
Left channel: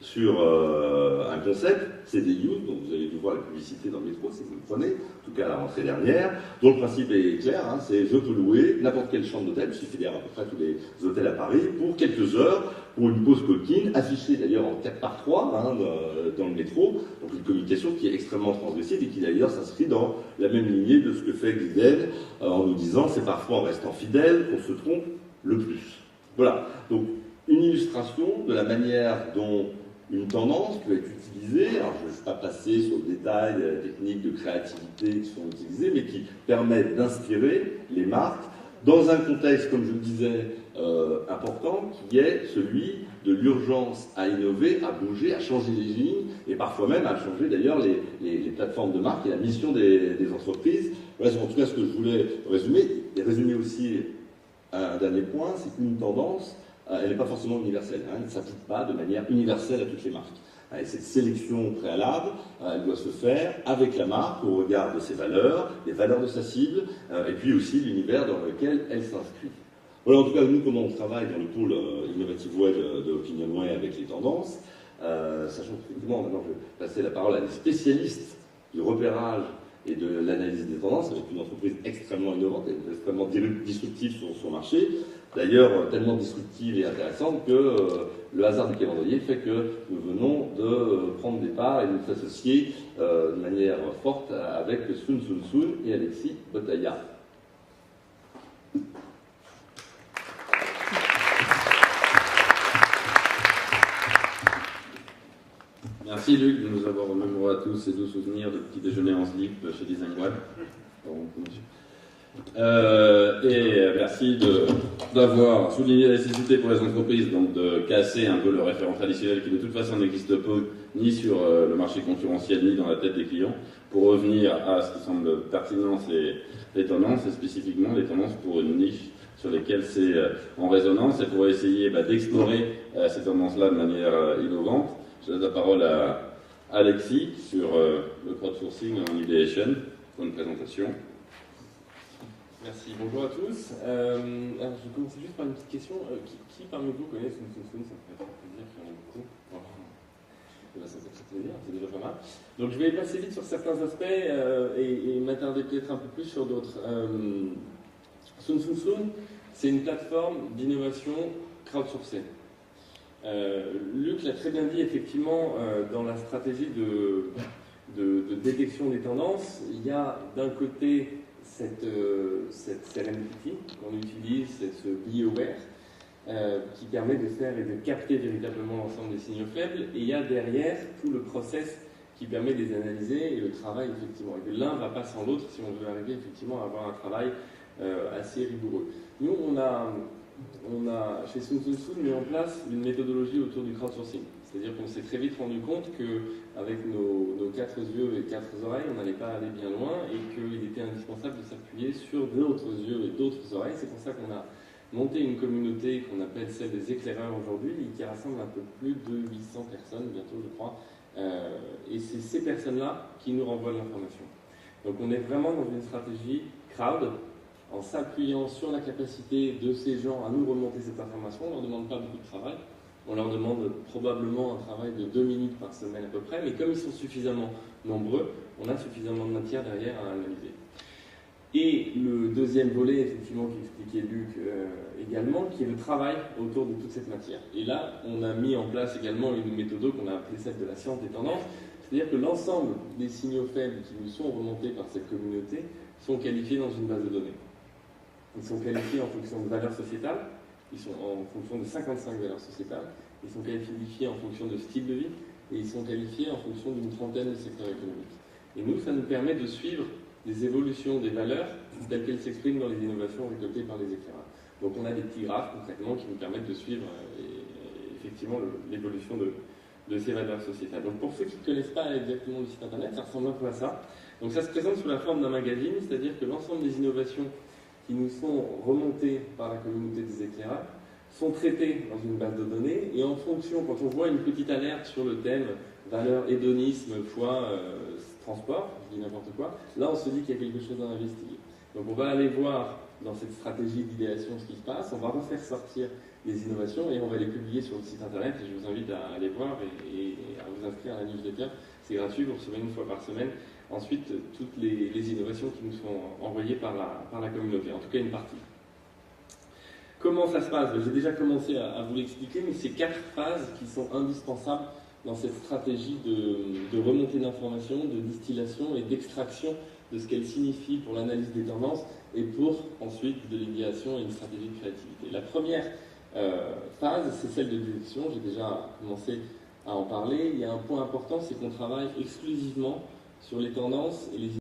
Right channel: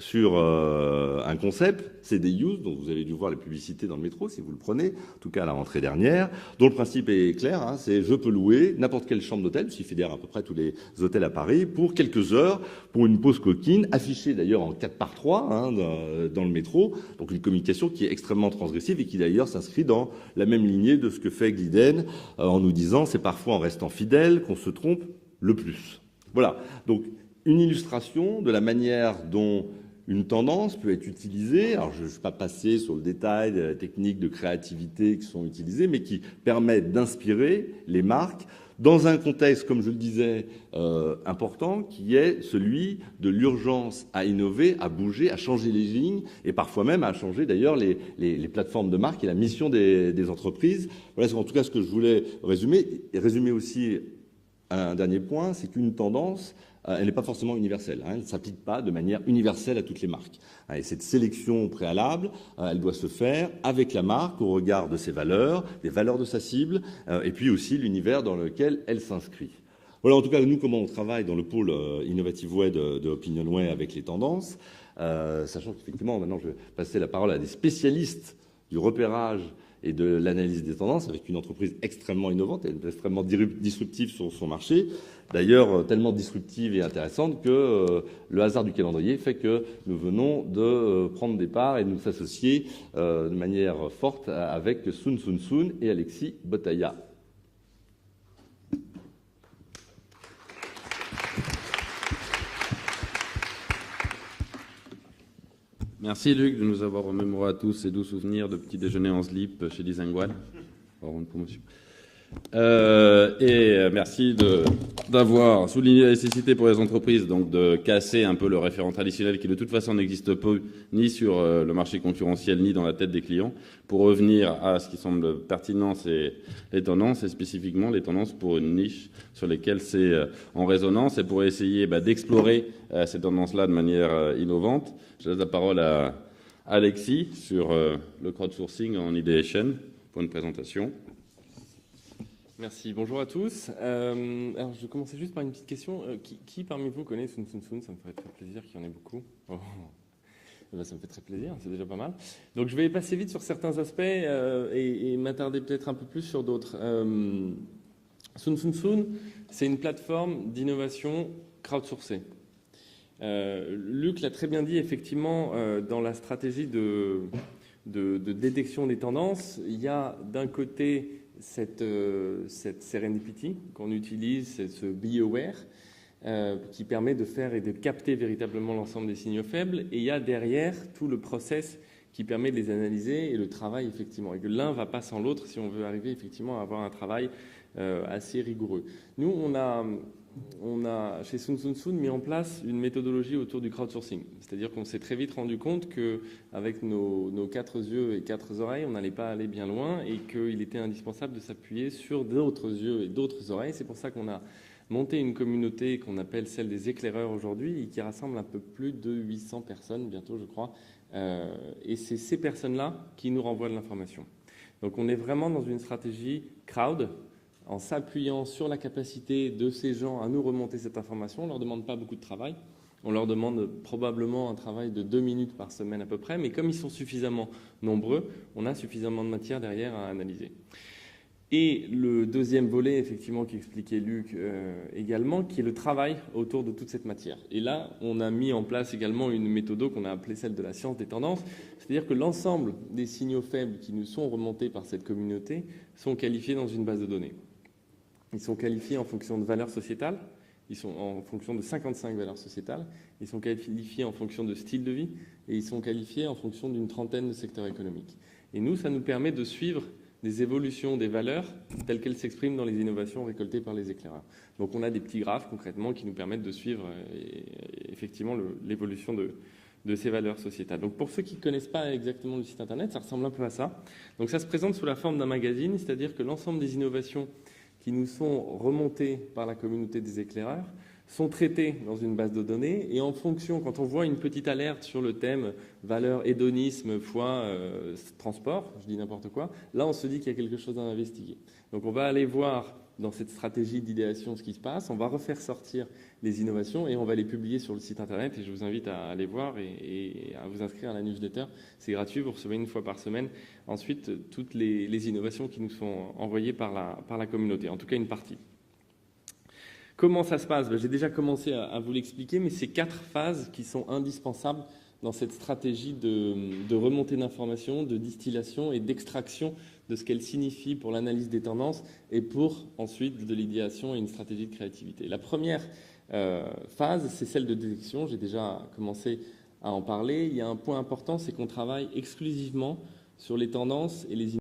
sur un concept, c'est des youth, donc vous avez dû voir la publicité dans le métro si vous le prenez, en tout cas à la rentrée dernière, dont le principe est clair, hein, c'est je peux louer n'importe quelle chambre d'hôtel, je suis fédère à peu près tous les hôtels à Paris, pour quelques heures, pour une pause coquine, affichée d'ailleurs en 4x3 hein, dans le métro, donc une communication qui est extrêmement transgressive et qui d'ailleurs s'inscrit dans la même lignée de ce que fait Glidden en nous disant c'est parfois en restant fidèle qu'on se trompe le plus. Voilà, donc une illustration de la manière dont une tendance peut être utilisée, alors je ne vais pas passer sur le détail des techniques de créativité qui sont utilisées, mais qui permettent d'inspirer les marques dans un contexte, comme je le disais, important, qui est celui de l'urgence à innover, à bouger, à changer les lignes, et parfois même à changer d'ailleurs les plateformes de marque et la mission des entreprises. Voilà, c'est en tout cas ce que je voulais résumer, et résumer aussi un dernier point, c'est qu'une tendance, elle n'est pas forcément universelle, hein, elle ne s'applique pas de manière universelle à toutes les marques. Et cette sélection préalable, elle doit se faire avec la marque au regard de ses valeurs, des valeurs de sa cible, et puis aussi l'univers dans lequel elle s'inscrit. Voilà en tout cas nous comment on travaille dans le pôle Innovative Way de OpinionWay avec les tendances, sachant qu'effectivement maintenant je vais passer la parole à des spécialistes du repérage et de l'analyse des tendances avec une entreprise extrêmement innovante et extrêmement disruptive sur son marché. D'ailleurs, tellement disruptive et intéressante que le hasard du calendrier fait que nous venons de prendre des parts et de nous associer de manière forte avec Sun Sun Sun et Alexis Botaya. Merci Luc de nous avoir remémoré à tous ces doux souvenirs de petits déjeuners en slip chez Design One. Merci d'avoir souligné la nécessité pour les entreprises donc, de casser un peu le référent traditionnel qui de toute façon n'existe pas ni sur le marché concurrentiel ni dans la tête des clients pour revenir à ce qui semble pertinent, c'est les tendances et spécifiquement les tendances pour une niche sur lesquelles c'est en résonance et pour essayer d'explorer ces tendances-là de manière innovante. Je laisse la parole à Alexis sur le crowdsourcing en ideation pour une présentation. Merci, bonjour à tous. Alors je vais commencer juste par une petite question. Qui parmi vous connaît Sun Sun Sun? Ça me ferait très plaisir qu'il y en ait beaucoup. Oh. Et bien, ça me fait très plaisir, c'est déjà pas mal. Donc je vais passer vite sur certains aspects et m'attarder peut-être un peu plus sur d'autres. Sun Sun Sun, c'est une plateforme d'innovation crowdsourcée. Luc l'a très bien dit, effectivement, dans la stratégie de détection des tendances, il y a d'un côté cette serendipity qu'on utilise, c'est ce be aware, qui permet de faire et de capter véritablement l'ensemble des signaux faibles, et il y a derrière tout le process qui permet de les analyser et le travail effectivement. Et que l'un ne va pas sans l'autre si on veut arriver effectivement à avoir un travail assez rigoureux. Nous, on a chez Sun Sun Sun mis en place une méthodologie autour du crowdsourcing. C'est-à-dire qu'on s'est très vite rendu compte qu'avec nos 4 yeux et 4 oreilles, on n'allait pas aller bien loin et qu'il était indispensable de s'appuyer sur d'autres yeux et d'autres oreilles. C'est pour ça qu'on a monté une communauté qu'on appelle celle des éclaireurs aujourd'hui et qui rassemble un peu plus de 800 personnes, bientôt je crois. Et c'est ces personnes-là qui nous renvoient de l'information. Donc on est vraiment dans une stratégie crowd, en s'appuyant sur la capacité de ces gens à nous remonter cette information. On ne leur demande pas beaucoup de travail. On leur demande probablement un travail de 2 minutes par semaine à peu près, mais comme ils sont suffisamment nombreux, on a suffisamment de matière derrière à analyser. Et le deuxième volet, effectivement, qu'expliquait Luc également, qui est le travail autour de toute cette matière. Et là, on a mis en place également une méthode qu'on a appelée celle de la science des tendances, c'est-à-dire que l'ensemble des signaux faibles qui nous sont remontés par cette communauté sont qualifiés dans une base de données. Ils sont qualifiés en fonction de valeurs sociétales, ils sont en fonction de 55 valeurs sociétales, ils sont qualifiés en fonction de style de vie, et ils sont qualifiés en fonction d'une trentaine de secteurs économiques. Et nous, ça nous permet de suivre des évolutions des valeurs telles qu'elles s'expriment dans les innovations récoltées par les éclaireurs. Donc on a des petits graphes concrètement qui nous permettent de suivre effectivement l'évolution de ces valeurs sociétales. Donc pour ceux qui ne connaissent pas exactement le site internet, ça ressemble un peu à ça. Donc ça se présente sous la forme d'un magazine, c'est-à-dire que l'ensemble des innovations qui nous sont remontées par la communauté des éclaireurs sont traitées dans une base de données et en fonction, quand on voit une petite alerte sur le thème valeur hédonisme fois transport, je dis n'importe quoi, là on se dit qu'il y a quelque chose à investiguer. Donc on va aller voir dans cette stratégie d'idéation ce qui se passe, on va refaire sortir les innovations et on va les publier sur le site internet et je vous invite à aller voir et à vous inscrire à la newsletter. C'est gratuit, vous recevez une fois par semaine ensuite toutes les innovations qui nous sont envoyées par la communauté, en tout cas une partie. Comment ça se passe? J'ai déjà commencé à vous l'expliquer, mais c'est 4 phases qui sont indispensables dans cette stratégie de remontée d'informations, de distillation et d'extraction de ce qu'elle signifie pour l'analyse des tendances et pour ensuite de l'idéation et une stratégie de créativité. La première phase, c'est celle de détection. J'ai déjà commencé à en parler. Il y a un point important, c'est qu'on travaille exclusivement sur les tendances et les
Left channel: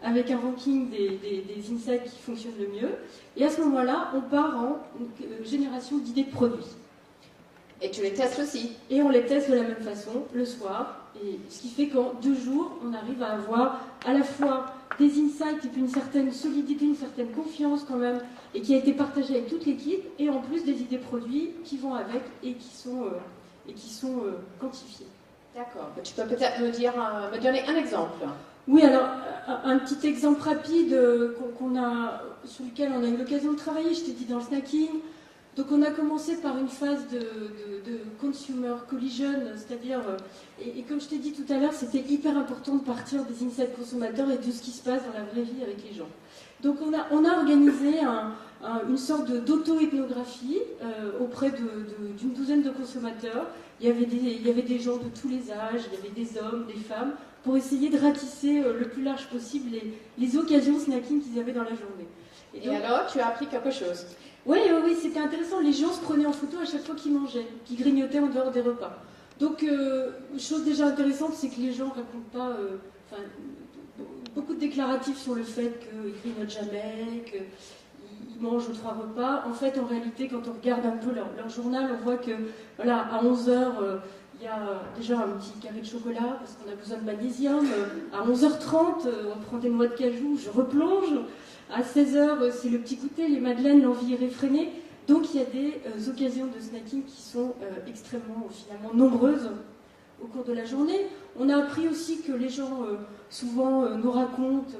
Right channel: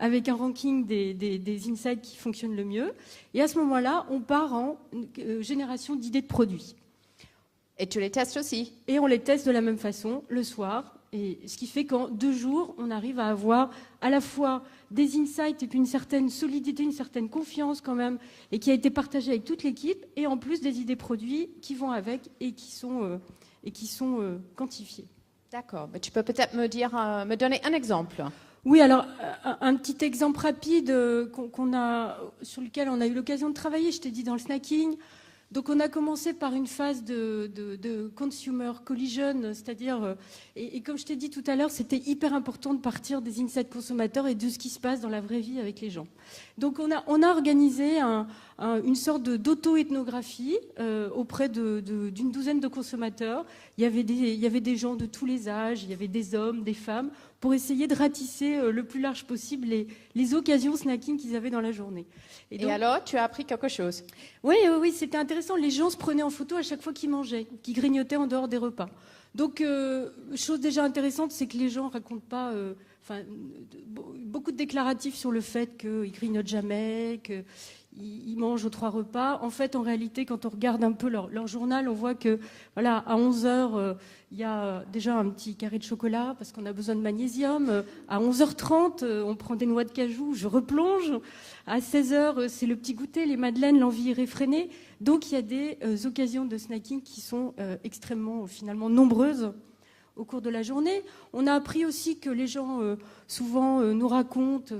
avec un ranking des insights qui fonctionnent le mieux. Et à ce moment-là, on part en génération d'idées de produits. Et tu les testes aussi. Et on les teste de la même façon le soir. Et ce qui fait qu'en 2 jours, on arrive à avoir à la fois des insights et puis une certaine solidité, une certaine confiance quand même, et qui a été partagée avec toute l'équipe, et en plus des idées produits qui vont avec et qui sont quantifiées. D'accord. Tu peux peut-être me donner un exemple. Oui, alors un petit exemple rapide sur lequel on a eu l'occasion de travailler, je t'ai dit dans le snacking. Donc on a commencé par une phase de consumer collision, c'est-à-dire, et comme je t'ai dit tout à l'heure, c'était hyper important de partir des insights consommateurs et de ce qui se passe dans la vraie vie avec les gens. Donc on a organisé une sorte d'auto-ethnographie auprès d'une douzaine de consommateurs. Il y avait des gens de tous les âges, il y avait des hommes, des femmes, pour essayer de ratisser le plus large possible les occasions snacking qu'ils avaient dans la journée. Et donc, alors, tu as appris quelque chose? Oui, c'était intéressant. Les gens se prenaient en photo à chaque fois qu'ils mangeaient, qu'ils grignotaient en dehors des repas. Donc, chose déjà intéressante, c'est que les gens ne racontent pas beaucoup de déclaratifs sur le fait qu'ils grignotent jamais, qu'ils mangent aux 3 repas. En fait, en réalité, quand on regarde un peu leur journal, on voit que voilà, à 11h, il y a déjà un petit carré de chocolat parce qu'on a besoin de magnésium. À 11h30, on prend des noix de cajou, je replonge. À 16h, c'est le petit goûter, les madeleines, l'envie irréfrénée. Donc il y a des occasions de snacking qui sont extrêmement, finalement, nombreuses au cours de la journée. On a appris aussi que les gens, souvent, nous racontent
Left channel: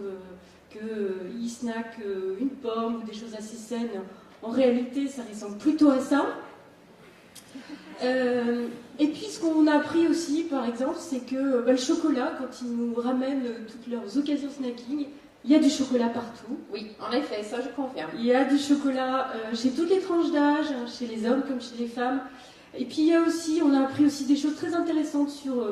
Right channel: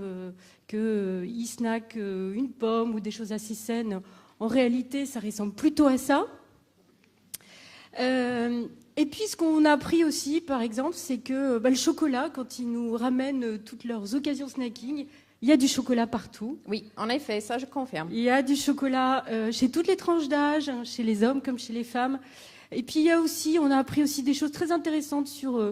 qu'ils snackent une pomme ou des choses assez saines. En réalité, ça ressemble plutôt à ça. Et puis ce qu'on a appris aussi, par exemple, c'est que le chocolat, quand ils nous ramènent toutes leurs occasions snacking, il y a du chocolat partout. Oui, en effet, ça je confirme. Il y a du chocolat chez toutes les tranches d'âge, chez les hommes comme chez les femmes. Et puis on a appris aussi des choses très intéressantes sur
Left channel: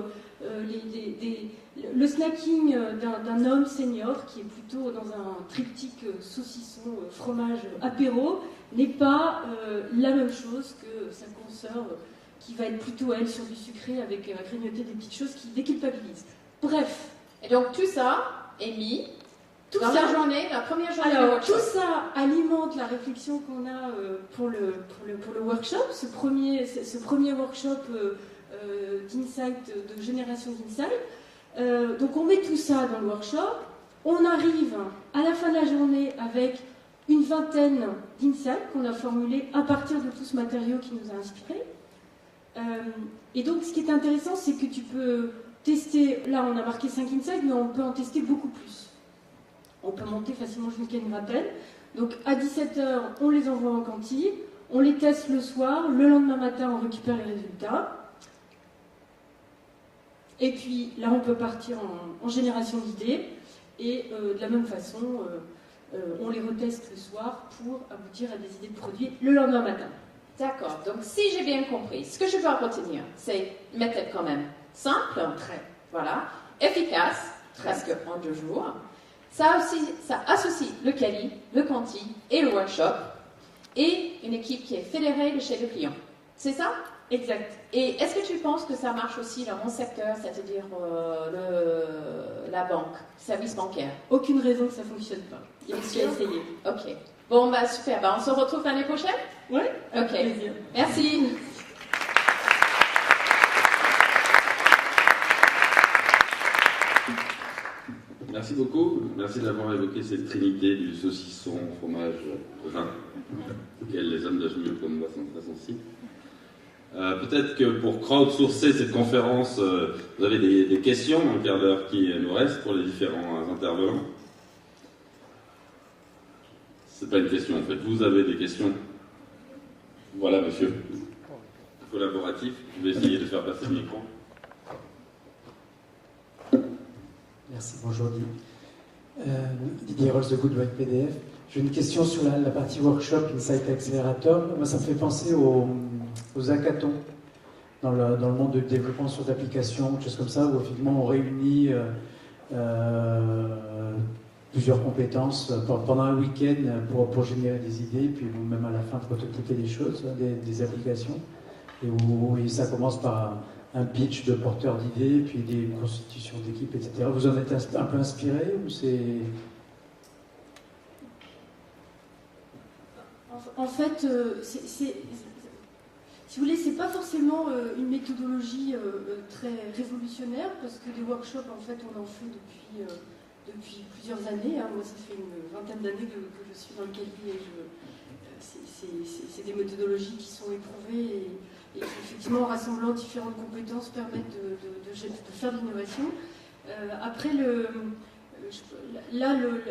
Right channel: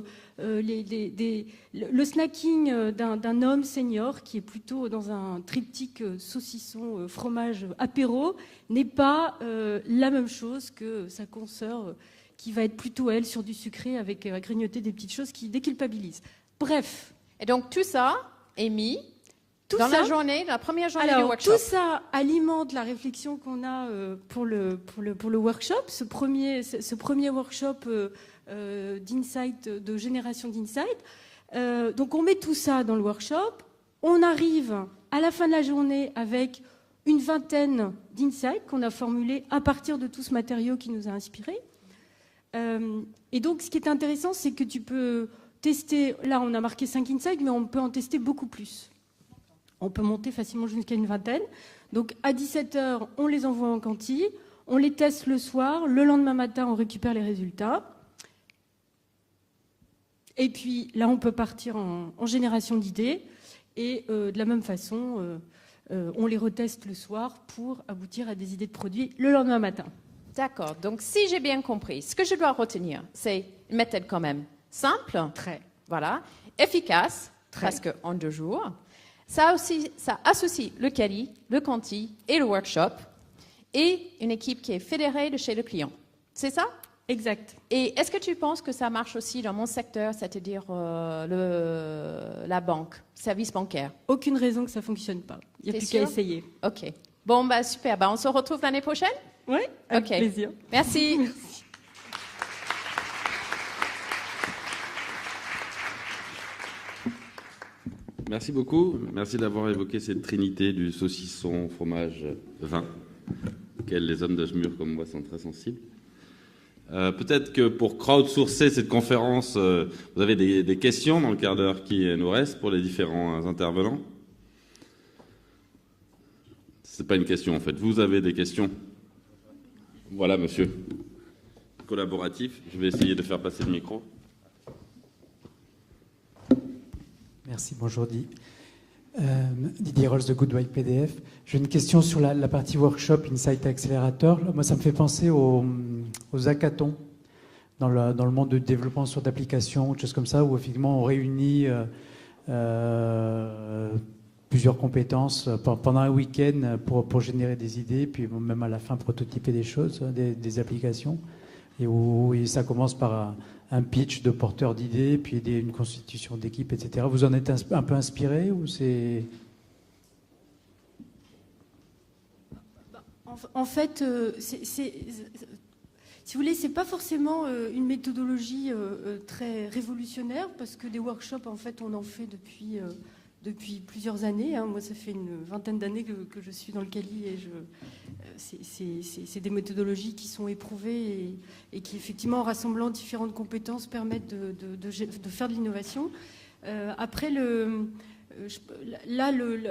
le snacking d'un homme senior qui est plutôt dans un triptyque saucisson, fromage, apéro, n'est pas la même chose que sa consoeur qui va être plutôt, elle, sur du sucré avec à grignoter des petites choses qui déculpabilisent. Bref. Et donc tout ça est mis dans la journée, la première journée du workshop. Tout ça alimente la réflexion qu'on a pour le workshop, ce premier workshop d'insight, de génération d'insight. Donc on met tout ça dans le workshop, on arrive à la fin de la journée avec une vingtaine d'insights qu'on a formulés à partir de tout ce matériau qui nous a inspirés. Et donc ce qui est intéressant, c'est que tu peux tester, là on a marqué 5 insights, mais on peut en tester beaucoup plus. On peut monter facilement jusqu'à une vingtaine. Donc à 17h, on les envoie en cantine, on les teste le soir, le lendemain matin, on récupère les résultats. Et puis là, on peut partir en génération d'idées. Et de la même façon, on les reteste le soir pour aboutir à des idées de produits le lendemain matin. D'accord. Donc si j'ai bien compris, ce que je dois retenir, c'est une méthode quand même simple, très, voilà, efficace, presque en 2 jours. Ça associe le quali, le quanti et le workshop et une équipe qui est fédérée de chez le client. C'est ça? Exact. Et est-ce que tu penses que ça marche aussi dans mon secteur, c'est-à-dire la banque, service bancaire? Aucune raison que ça ne fonctionne pas. Il faut qu'à essayer. Ok. Bon, super. On se retrouve l'année prochaine? Oui, avec plaisir. Merci. Merci beaucoup. Merci d'avoir évoqué cette trinité du saucisson, fromage, vin, auquel les hommes d'âge mûr comme moi sont très sensibles. Peut-être que pour crowdsourcer cette conférence, vous avez des questions dans le quart d'heure qui nous reste pour les différents intervenants. C'est pas une question en fait. Vous avez des questions? Voilà, monsieur. Collaboratif. Je vais essayer de faire passer le micro. Merci, bonjour Didier Rolls de Goodwine PDF. J'ai une question sur la partie workshop Insight Accelerator. Moi, ça me fait penser aux hackathons dans le monde de développement sur d'applications, des choses comme ça, où effectivement on réunit plusieurs compétences pendant un week-end pour générer des idées, puis même à la fin prototyper des choses, des applications, et où ça commence par un pitch de porteur d'idées, puis une constitution d'équipe, etc. Vous en êtes un peu inspiré ou c'est... En fait, si vous voulez, c'est pas forcément une méthodologie très révolutionnaire, parce que des workshops, en fait, on en fait depuis plusieurs années. Hein. Moi, ça fait une vingtaine d'années que je suis dans le Cali et c'est des méthodologies qui sont éprouvées et qui, effectivement, en rassemblant différentes compétences, permettent de faire de l'innovation. Après,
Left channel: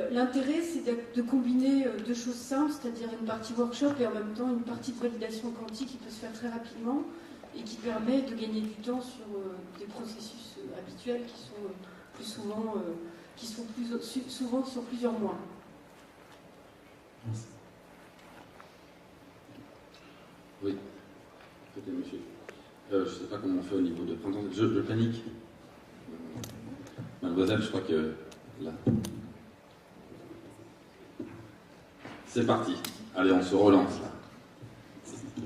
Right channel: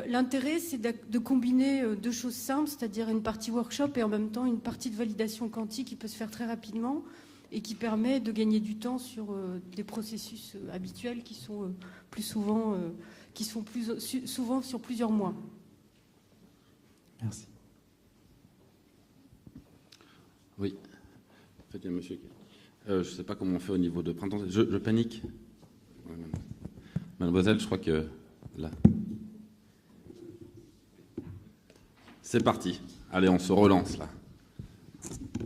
l'intérêt, c'est de combiner deux choses simples, c'est-à-dire une partie workshop et en même temps une partie de validation quantique qui peut se faire très rapidement et qui permet de gagner du temps sur des processus habituels qui sont plus souvent, souvent sur plusieurs mois. Merci. Oui, faites monsieur. Je ne sais pas comment on fait au niveau de printemps. Je panique. Mademoiselle, je crois que là. C'est parti. Allez, on se relance là. Je vais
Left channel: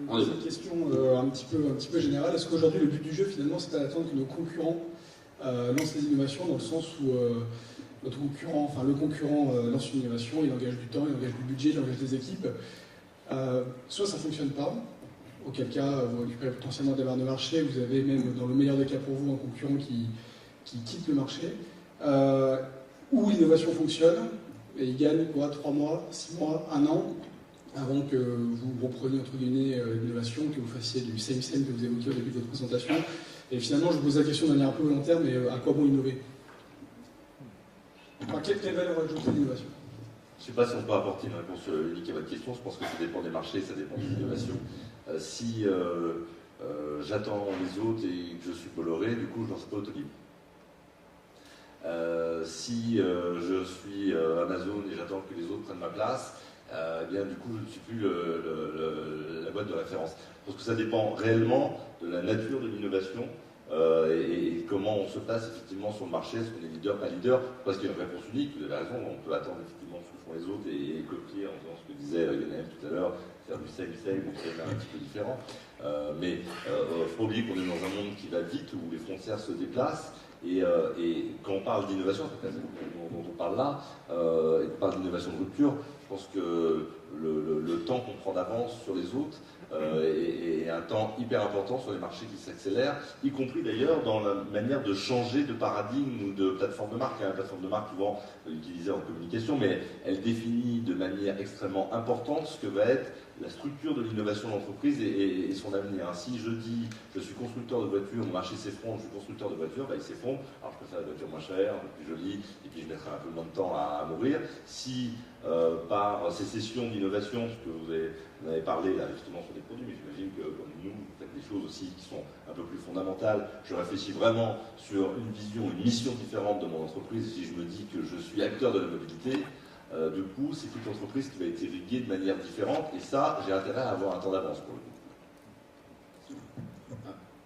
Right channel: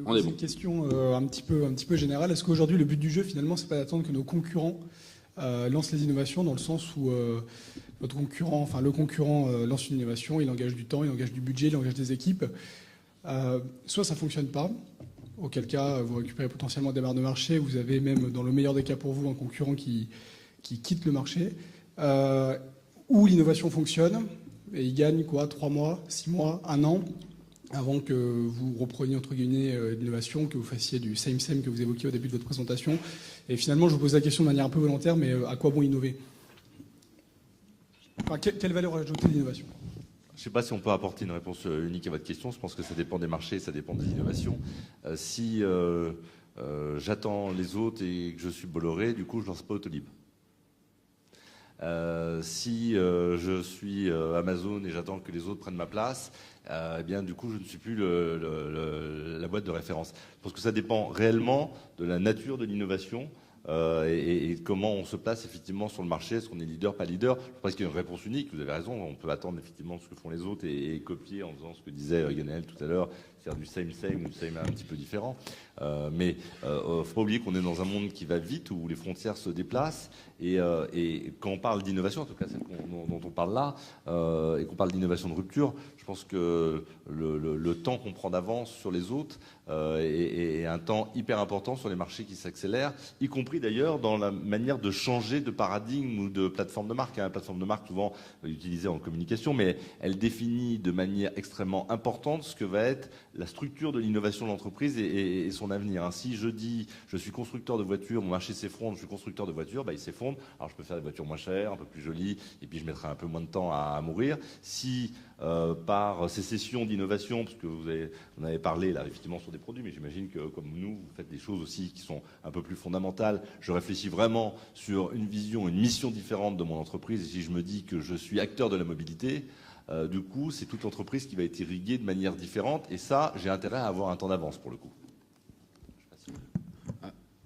vous poser une question un petit peu générale. Est-ce qu'aujourd'hui, le but du jeu, finalement, c'est pas d'attendre que nos concurrents lancent les innovations, dans le sens où le concurrent lance une innovation, il engage du temps, il engage du budget, il engage des équipes. Soit ça ne fonctionne pas, auquel cas vous récupérez potentiellement des parts de marché, vous avez même, dans le meilleur des cas pour vous, un concurrent qui quitte le marché, ou l'innovation fonctionne, et il gagne 3 mois, 6 mois, 1 an, avant que vous repreniez entre guillemets l'innovation, que vous fassiez du same que vous évoquiez au début de votre présentation. Et finalement, je vous pose la question de manière un peu volontaire, mais à quoi bon innover? Quelle valeur ajoutée l'innovation? Je ne sais pas si on peut apporter une réponse unique à votre question. Je pense que ça dépend des marchés, ça dépend des innovations. Si j'attends les autres et que je suis Bolloré, du coup, je ne lance pas Autolib. Si je suis Amazon et j'attends que les autres prennent ma place, eh bien, du coup, je ne suis plus la boîte de référence. Je pense que ça dépend réellement de la nature de l'innovation et comment on se place effectivement sur le marché, est-ce qu'on est leader, pas leader. Parce qu'il y a une réponse unique, vous avez raison, on peut attendre effectivement ce que font les autres et copier en faisant ce que disait Lionel tout à l'heure, faire du same un petit peu différent. Mais il ne faut pas oublier qu'on est dans un monde qui va vite, où les frontières se déplacent. Et quand on parle d'innovation, en tout cas celle dont on parle là, et qu'on parle d'innovation de rupture, je pense que le temps qu'on prend d'avance sur les autres est un temps hyper important sur les marchés qui s'accélèrent, y compris d'ailleurs dans la manière de changer de paradigme ou de plateforme de marque. La plateforme de marque, souvent utilisée en communication, mais elle définit de manière extrêmement importante ce que va être la structure de l'innovation de l'entreprise et son avenir. Si je dis je suis constructeur de voitures, mon marché s'effondre, je suis constructeur de voitures, il s'effondre. Alors je peux faire des voitures moins chères, un peu plus jolies, et puis je mettrai un peu moins de temps à mourir. Si par sécession d'innovation, parce que vous en avez parlé là justement sur des produits, mais j'imagine que comme nous, vous faites des choses aussi qui sont un peu plus fondamentales. Je réfléchis vraiment sur une vision, une mission différente de mon entreprise. Si je me dis que je suis acteur de la mobilité, du coup, c'est toute l'entreprise qui va être irriguée de manière différente, et ça, j'ai intérêt à avoir un temps d'avance pour le coup.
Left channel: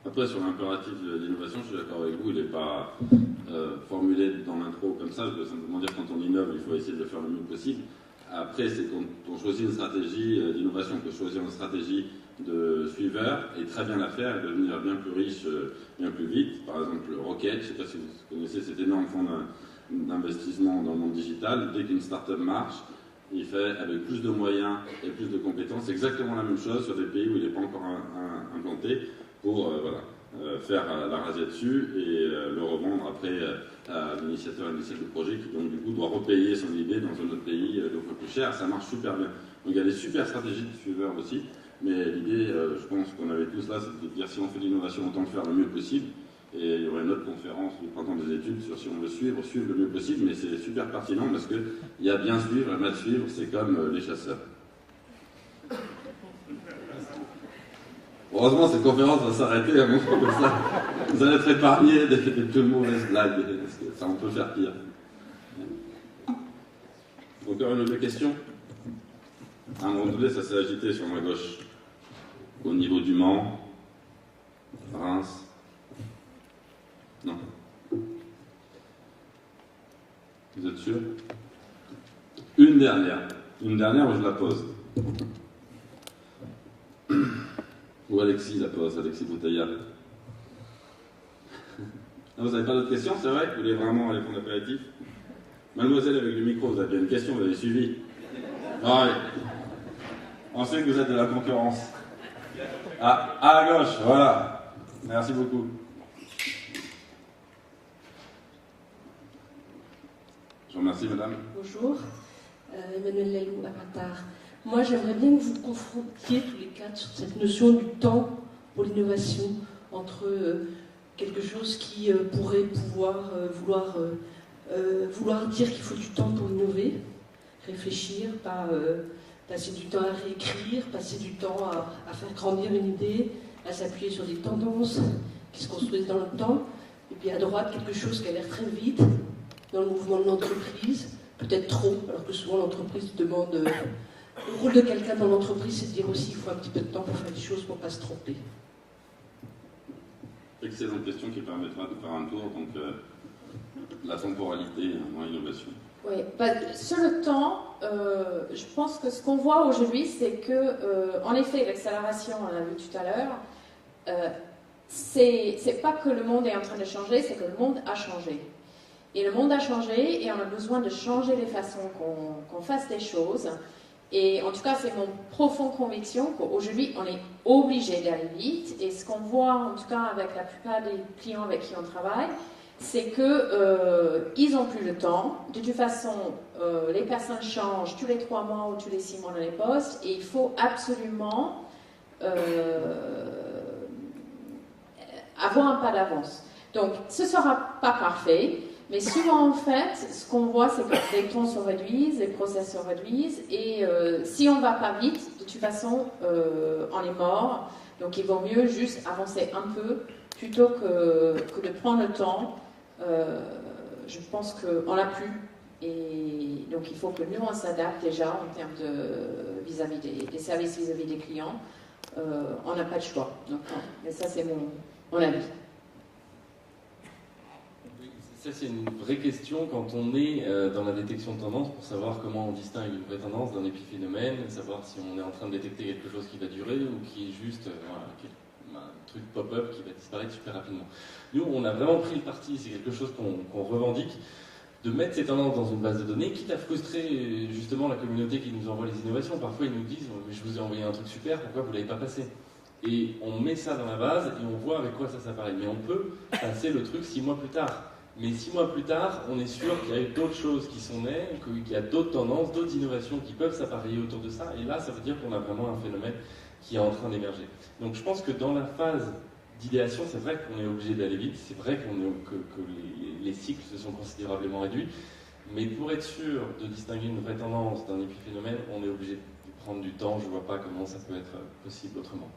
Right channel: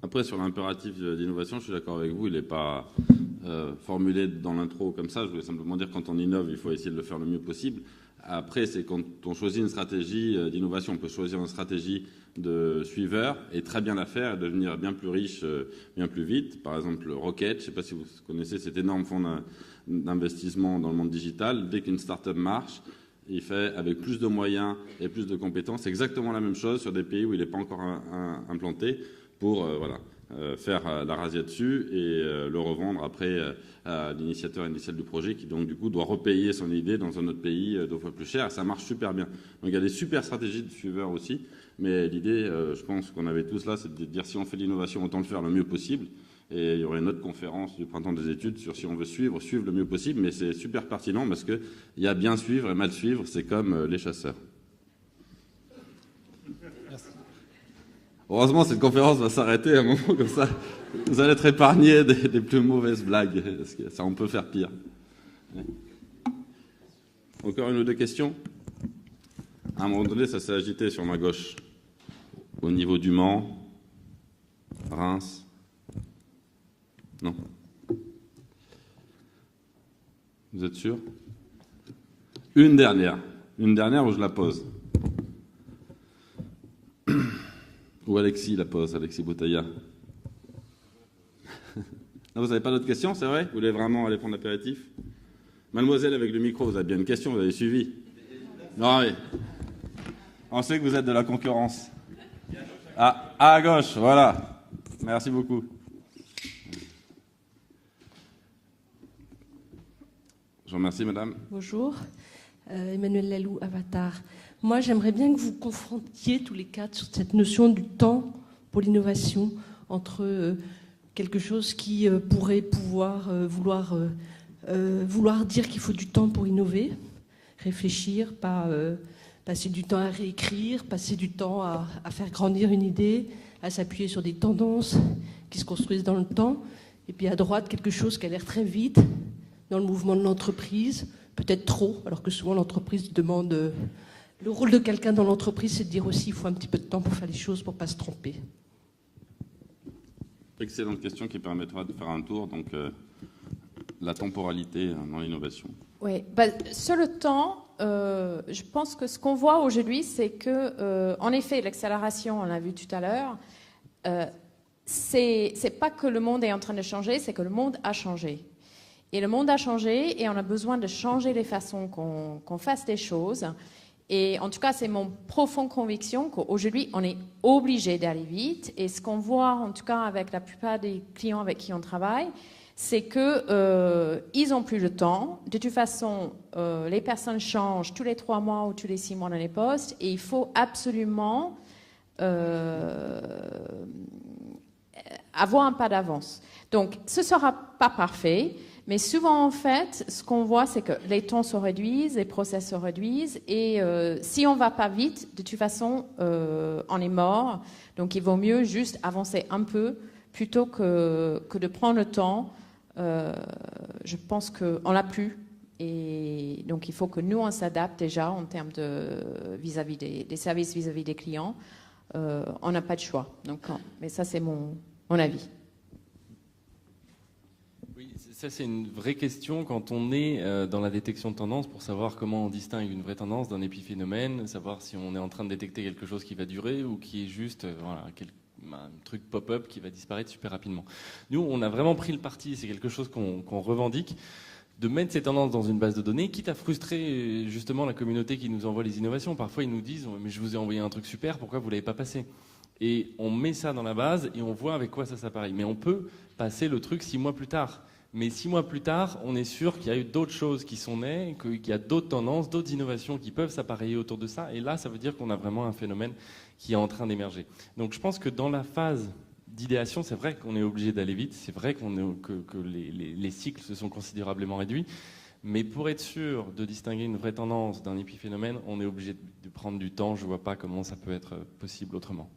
Après, sur l'impératif d'innovation, je suis d'accord avec vous, il n'est pas formulé dans l'intro comme ça. Je veux simplement dire que quand on innove, il faut essayer de le faire le mieux possible. Après, c'est quand on choisit une stratégie d'innovation, on peut choisir une stratégie de suiveur et très bien la faire et devenir bien plus riche, bien plus vite. Par exemple, Rocket, je ne sais pas si vous connaissez cet énorme fonds d'investissement dans le monde digital. Dès qu'une start-up marche, il fait avec plus de moyens et plus de compétences exactement la même chose sur des pays où il n'est pas encore implanté pour faire la razzia dessus et le revendre après à l'initiateur initial du projet qui donc du coup doit repayer son idée dans un autre pays 2 fois plus cher. Ça marche super bien. Donc il y a des super stratégies de suiveurs aussi, mais l'idée, je pense qu'on avait tous là, c'est de dire si on fait l'innovation, autant le faire le mieux possible. Et il y aurait une autre conférence du printemps des études sur si on veut suivre le mieux possible, mais c'est super pertinent parce qu'il y a bien suivre et mal suivre, c'est comme les chasseurs. Heureusement, cette conférence va s'arrêter à un moment comme ça. Vous allez être épargnés des plus mauvaises blagues, parce que ça, on peut faire pire. Encore une ou deux questions? À un moment donné, ça s'est agité sur ma gauche, au niveau du Mans, Reims. Non. Vous êtes sûr? Une dernière où je la pose. Ou Alexis la pose, Alexis Boutaya. Vous n'avez pas d'autres questions, c'est vrai? Vous voulez vraiment aller prendre l'apéritif? Mademoiselle avec le micro, vous avez bien une question, vous avez suivi? Non, oui. On sait que vous êtes de la concurrence. Ah, à gauche, voilà. Merci beaucoup. Je vous remercie, madame. Bonjour, Emmanuel Lalou, Avatar. Moi, j'aimerais bien que vous confrontiez tous les quatre sur cette notion du temps pour l'innovation, entre quelque chose qui pourrait vouloir dire qu'il faut du temps pour innover, réfléchir, pas passer du temps à réécrire, passer du temps à faire grandir une idée, à s'appuyer sur des tendances qui se construisent dans le temps, et puis à droite, quelque chose qui a l'air très vite, dans le mouvement de l'entreprise, peut-être trop, alors que souvent l'entreprise demande... le rôle de quelqu'un dans l'entreprise, c'est de dire aussi qu'il faut un petit peu de temps pour faire les choses, pour ne pas se tromper. Excellente question qui permettra de faire un tour, donc la temporalité dans l'innovation. Oui, sur le temps, je pense que ce qu'on voit aujourd'hui, c'est que, en effet, l'accélération, on l'a vu tout à l'heure, c'est pas que le monde est en train de changer, c'est que le monde a changé. Et le monde a changé et on a besoin de changer les façons qu'on fasse les choses. Et en tout cas, c'est mon profonde conviction qu'aujourd'hui, on est obligé d'aller vite. Et ce qu'on voit, en tout cas, avec la plupart des clients avec qui on travaille, c'est qu'ils n'ont plus le temps. De toute façon, les personnes changent tous les 3 mois ou tous les 6 mois dans les postes. Et il faut absolument avoir un pas d'avance. Donc, ce ne sera pas parfait. Mais souvent, en fait, ce qu'on voit, c'est que les temps se réduisent, les process se réduisent, et si on ne va pas vite, de toute façon, on est mort. Donc, il vaut mieux juste avancer un peu plutôt que de prendre le temps. Je pense qu'on l'a plus, et donc il faut que nous, on s'adapte déjà en termes de vis-à-vis des services vis-à-vis des clients. On n'a pas de choix. Donc, mais ça, c'est mon avis. Ça, c'est une vraie question quand on est dans la détection de tendance pour savoir comment on distingue une vraie tendance d'un épiphénomène, savoir si on est en train de détecter quelque chose qui va durer ou qui est juste un truc pop-up qui va disparaître super rapidement. Nous, on a vraiment pris le parti, c'est quelque chose qu'on revendique, de mettre ces tendances dans une base de données, quitte à frustrer justement la communauté qui nous envoie les innovations. Parfois, ils nous disent « mais je vous ai envoyé un truc super, pourquoi vous ne l'avez pas passé ?» Et on met ça dans la base et on voit avec quoi ça s'appareille. Mais on peut passer le truc 6 mois plus tard. Mais 6 mois plus tard, on est sûr qu'il y a eu d'autres choses qui sont nées, qu'il y a d'autres tendances, d'autres innovations qui peuvent s'appareiller autour de ça. Et là, ça veut dire qu'on a vraiment un phénomène qui est en train d'émerger. Donc je pense que dans la phase d'idéation, c'est vrai qu'on est obligé d'aller vite, c'est vrai que les cycles se sont considérablement réduits. Mais pour être sûr de distinguer une vraie tendance d'un épiphénomène, on est obligé de prendre du temps. Je ne vois pas comment ça peut être possible autrement.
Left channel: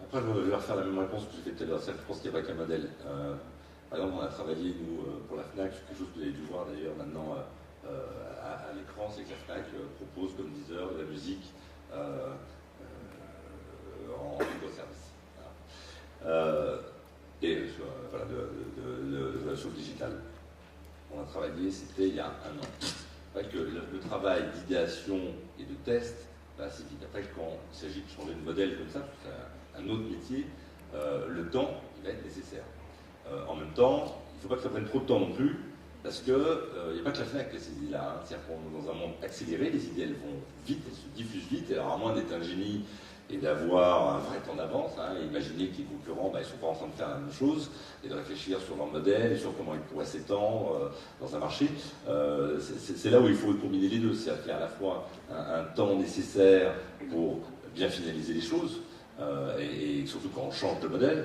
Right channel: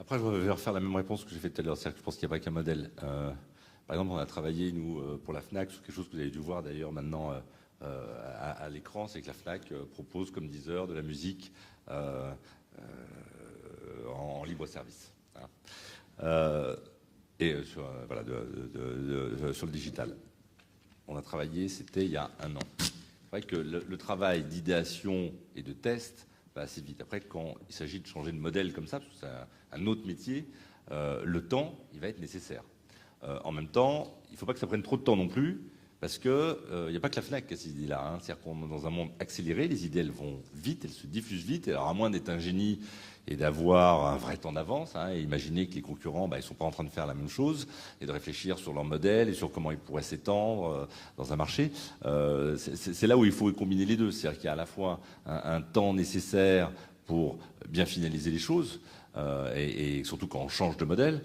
Après, je vais refaire la même réponse que j'ai faite tout à l'heure. Je pense qu'il n'y a pas qu'un modèle. Par exemple, on a travaillé, nous, pour la FNAC, sur quelque chose que vous avez dû voir d'ailleurs maintenant à l'écran, c'est que la FNAC propose comme Deezer de la musique en libre service. Voilà. Et sur le digital. On a travaillé, c'était il y a 1 an. C'est vrai que le travail d'idéation et de test va assez vite. Après, quand il s'agit de changer de modèle comme ça, parce que c'est un autre métier, le temps, il va être nécessaire. En même temps, il ne faut pas que ça prenne trop de temps non plus, parce qu'il n'y a pas que la FNAC qui a ces idées-là. Hein. C'est-à-dire qu'on est dans un monde accéléré, les idées elles vont vite, elles se diffusent vite, et alors à moins d'être un génie et d'avoir un vrai temps d'avance, hein, et imaginer que les concurrents ils ne sont pas en train de faire la même chose, et de réfléchir sur leur modèle, et sur comment ils pourraient s'étendre dans un marché, c'est là où il faut combiner les deux. C'est-à-dire qu'il y a à la fois un temps nécessaire pour bien finaliser les choses, et surtout quand on change de modèle,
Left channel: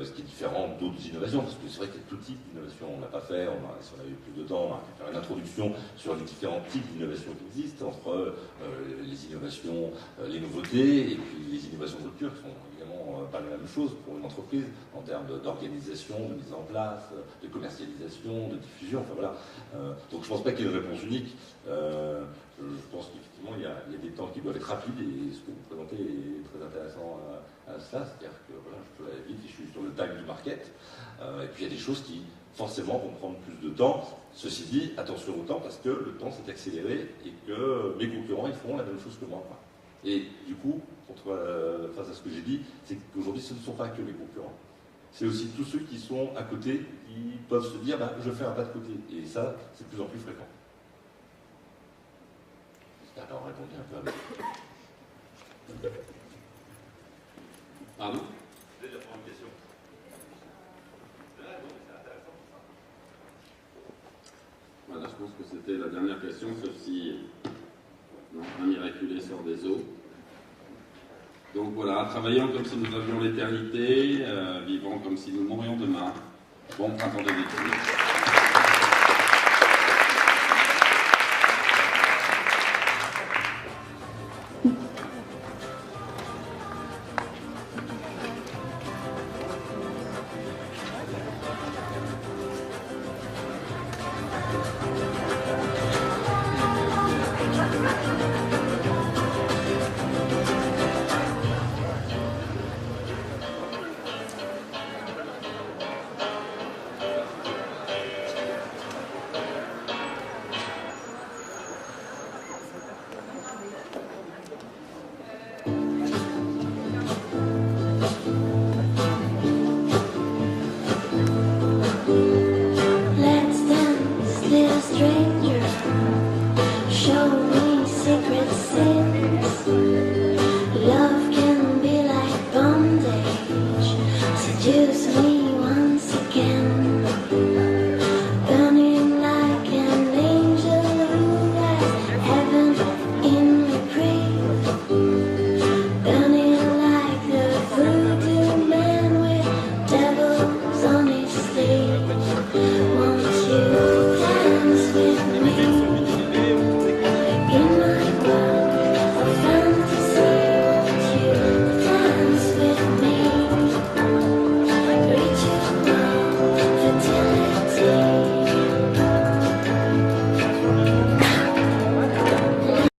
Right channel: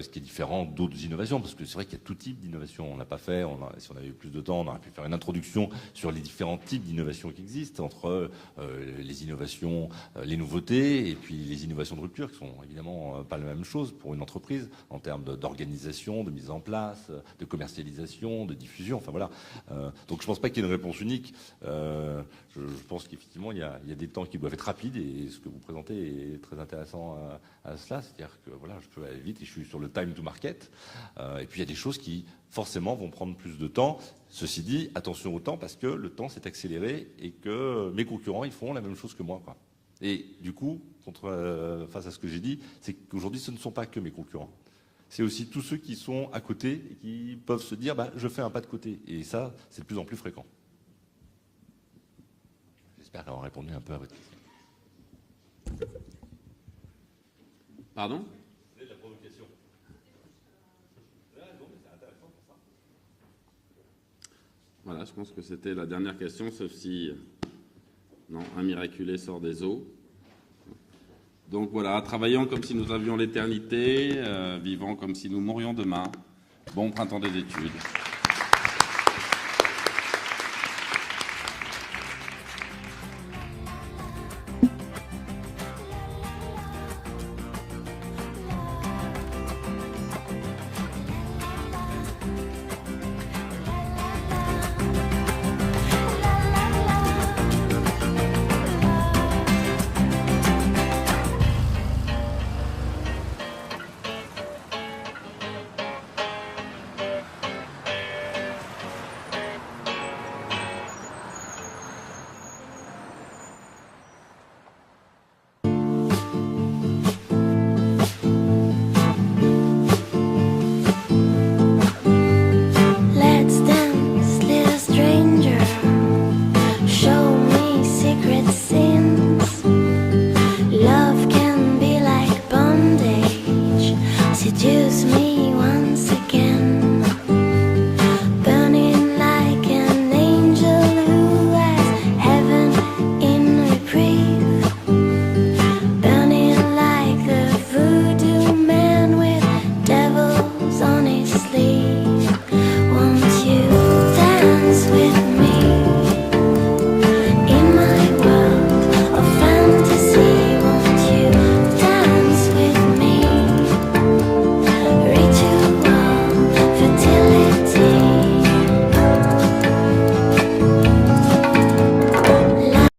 ce qui est différent d'autres innovations, parce que c'est vrai qu'il y a tout type d'innovation. On n'a pas fait, si on avait eu plus de temps, on aurait pu faire une introduction sur les différents types d'innovations qui existent, entre les innovations, les nouveautés, et puis les innovations de rupture, qui sont évidemment pas la même chose pour une entreprise, en termes d'organisation, de mise en place, de commercialisation, de diffusion, enfin voilà. Donc je ne pense pas qu'il y ait une réponse unique. Je pense qu'effectivement, il y a des temps qui doivent être rapides, et ce que vous présentez est très intéressant à cela, c'est-à-dire que voilà, je peux aller vite et je suis sur le time to market, et puis il y a des choses qui forcément vont prendre plus de temps. Ceci dit, attention au temps, parce que le temps s'est accéléré et que mes concurrents ils font la même chose que moi. Et du coup, face à ce que j'ai dit, c'est qu'aujourd'hui ce ne sont pas que mes concurrents. c'est aussi tous ceux qui sont à côté, qui peuvent se dire bah, je fais un pas de côté. Et ça, c'est de plus en plus fréquent. J'espère avoir répondu un peu avec. Pardon ? Voilà, je pense que c'était la dernière question, sauf si non, un miraculé sort des eaux. Donc voilà, travaillant comme si nous avions l'éternité, vivant comme si nous mourions demain. Bon printemps des détruits.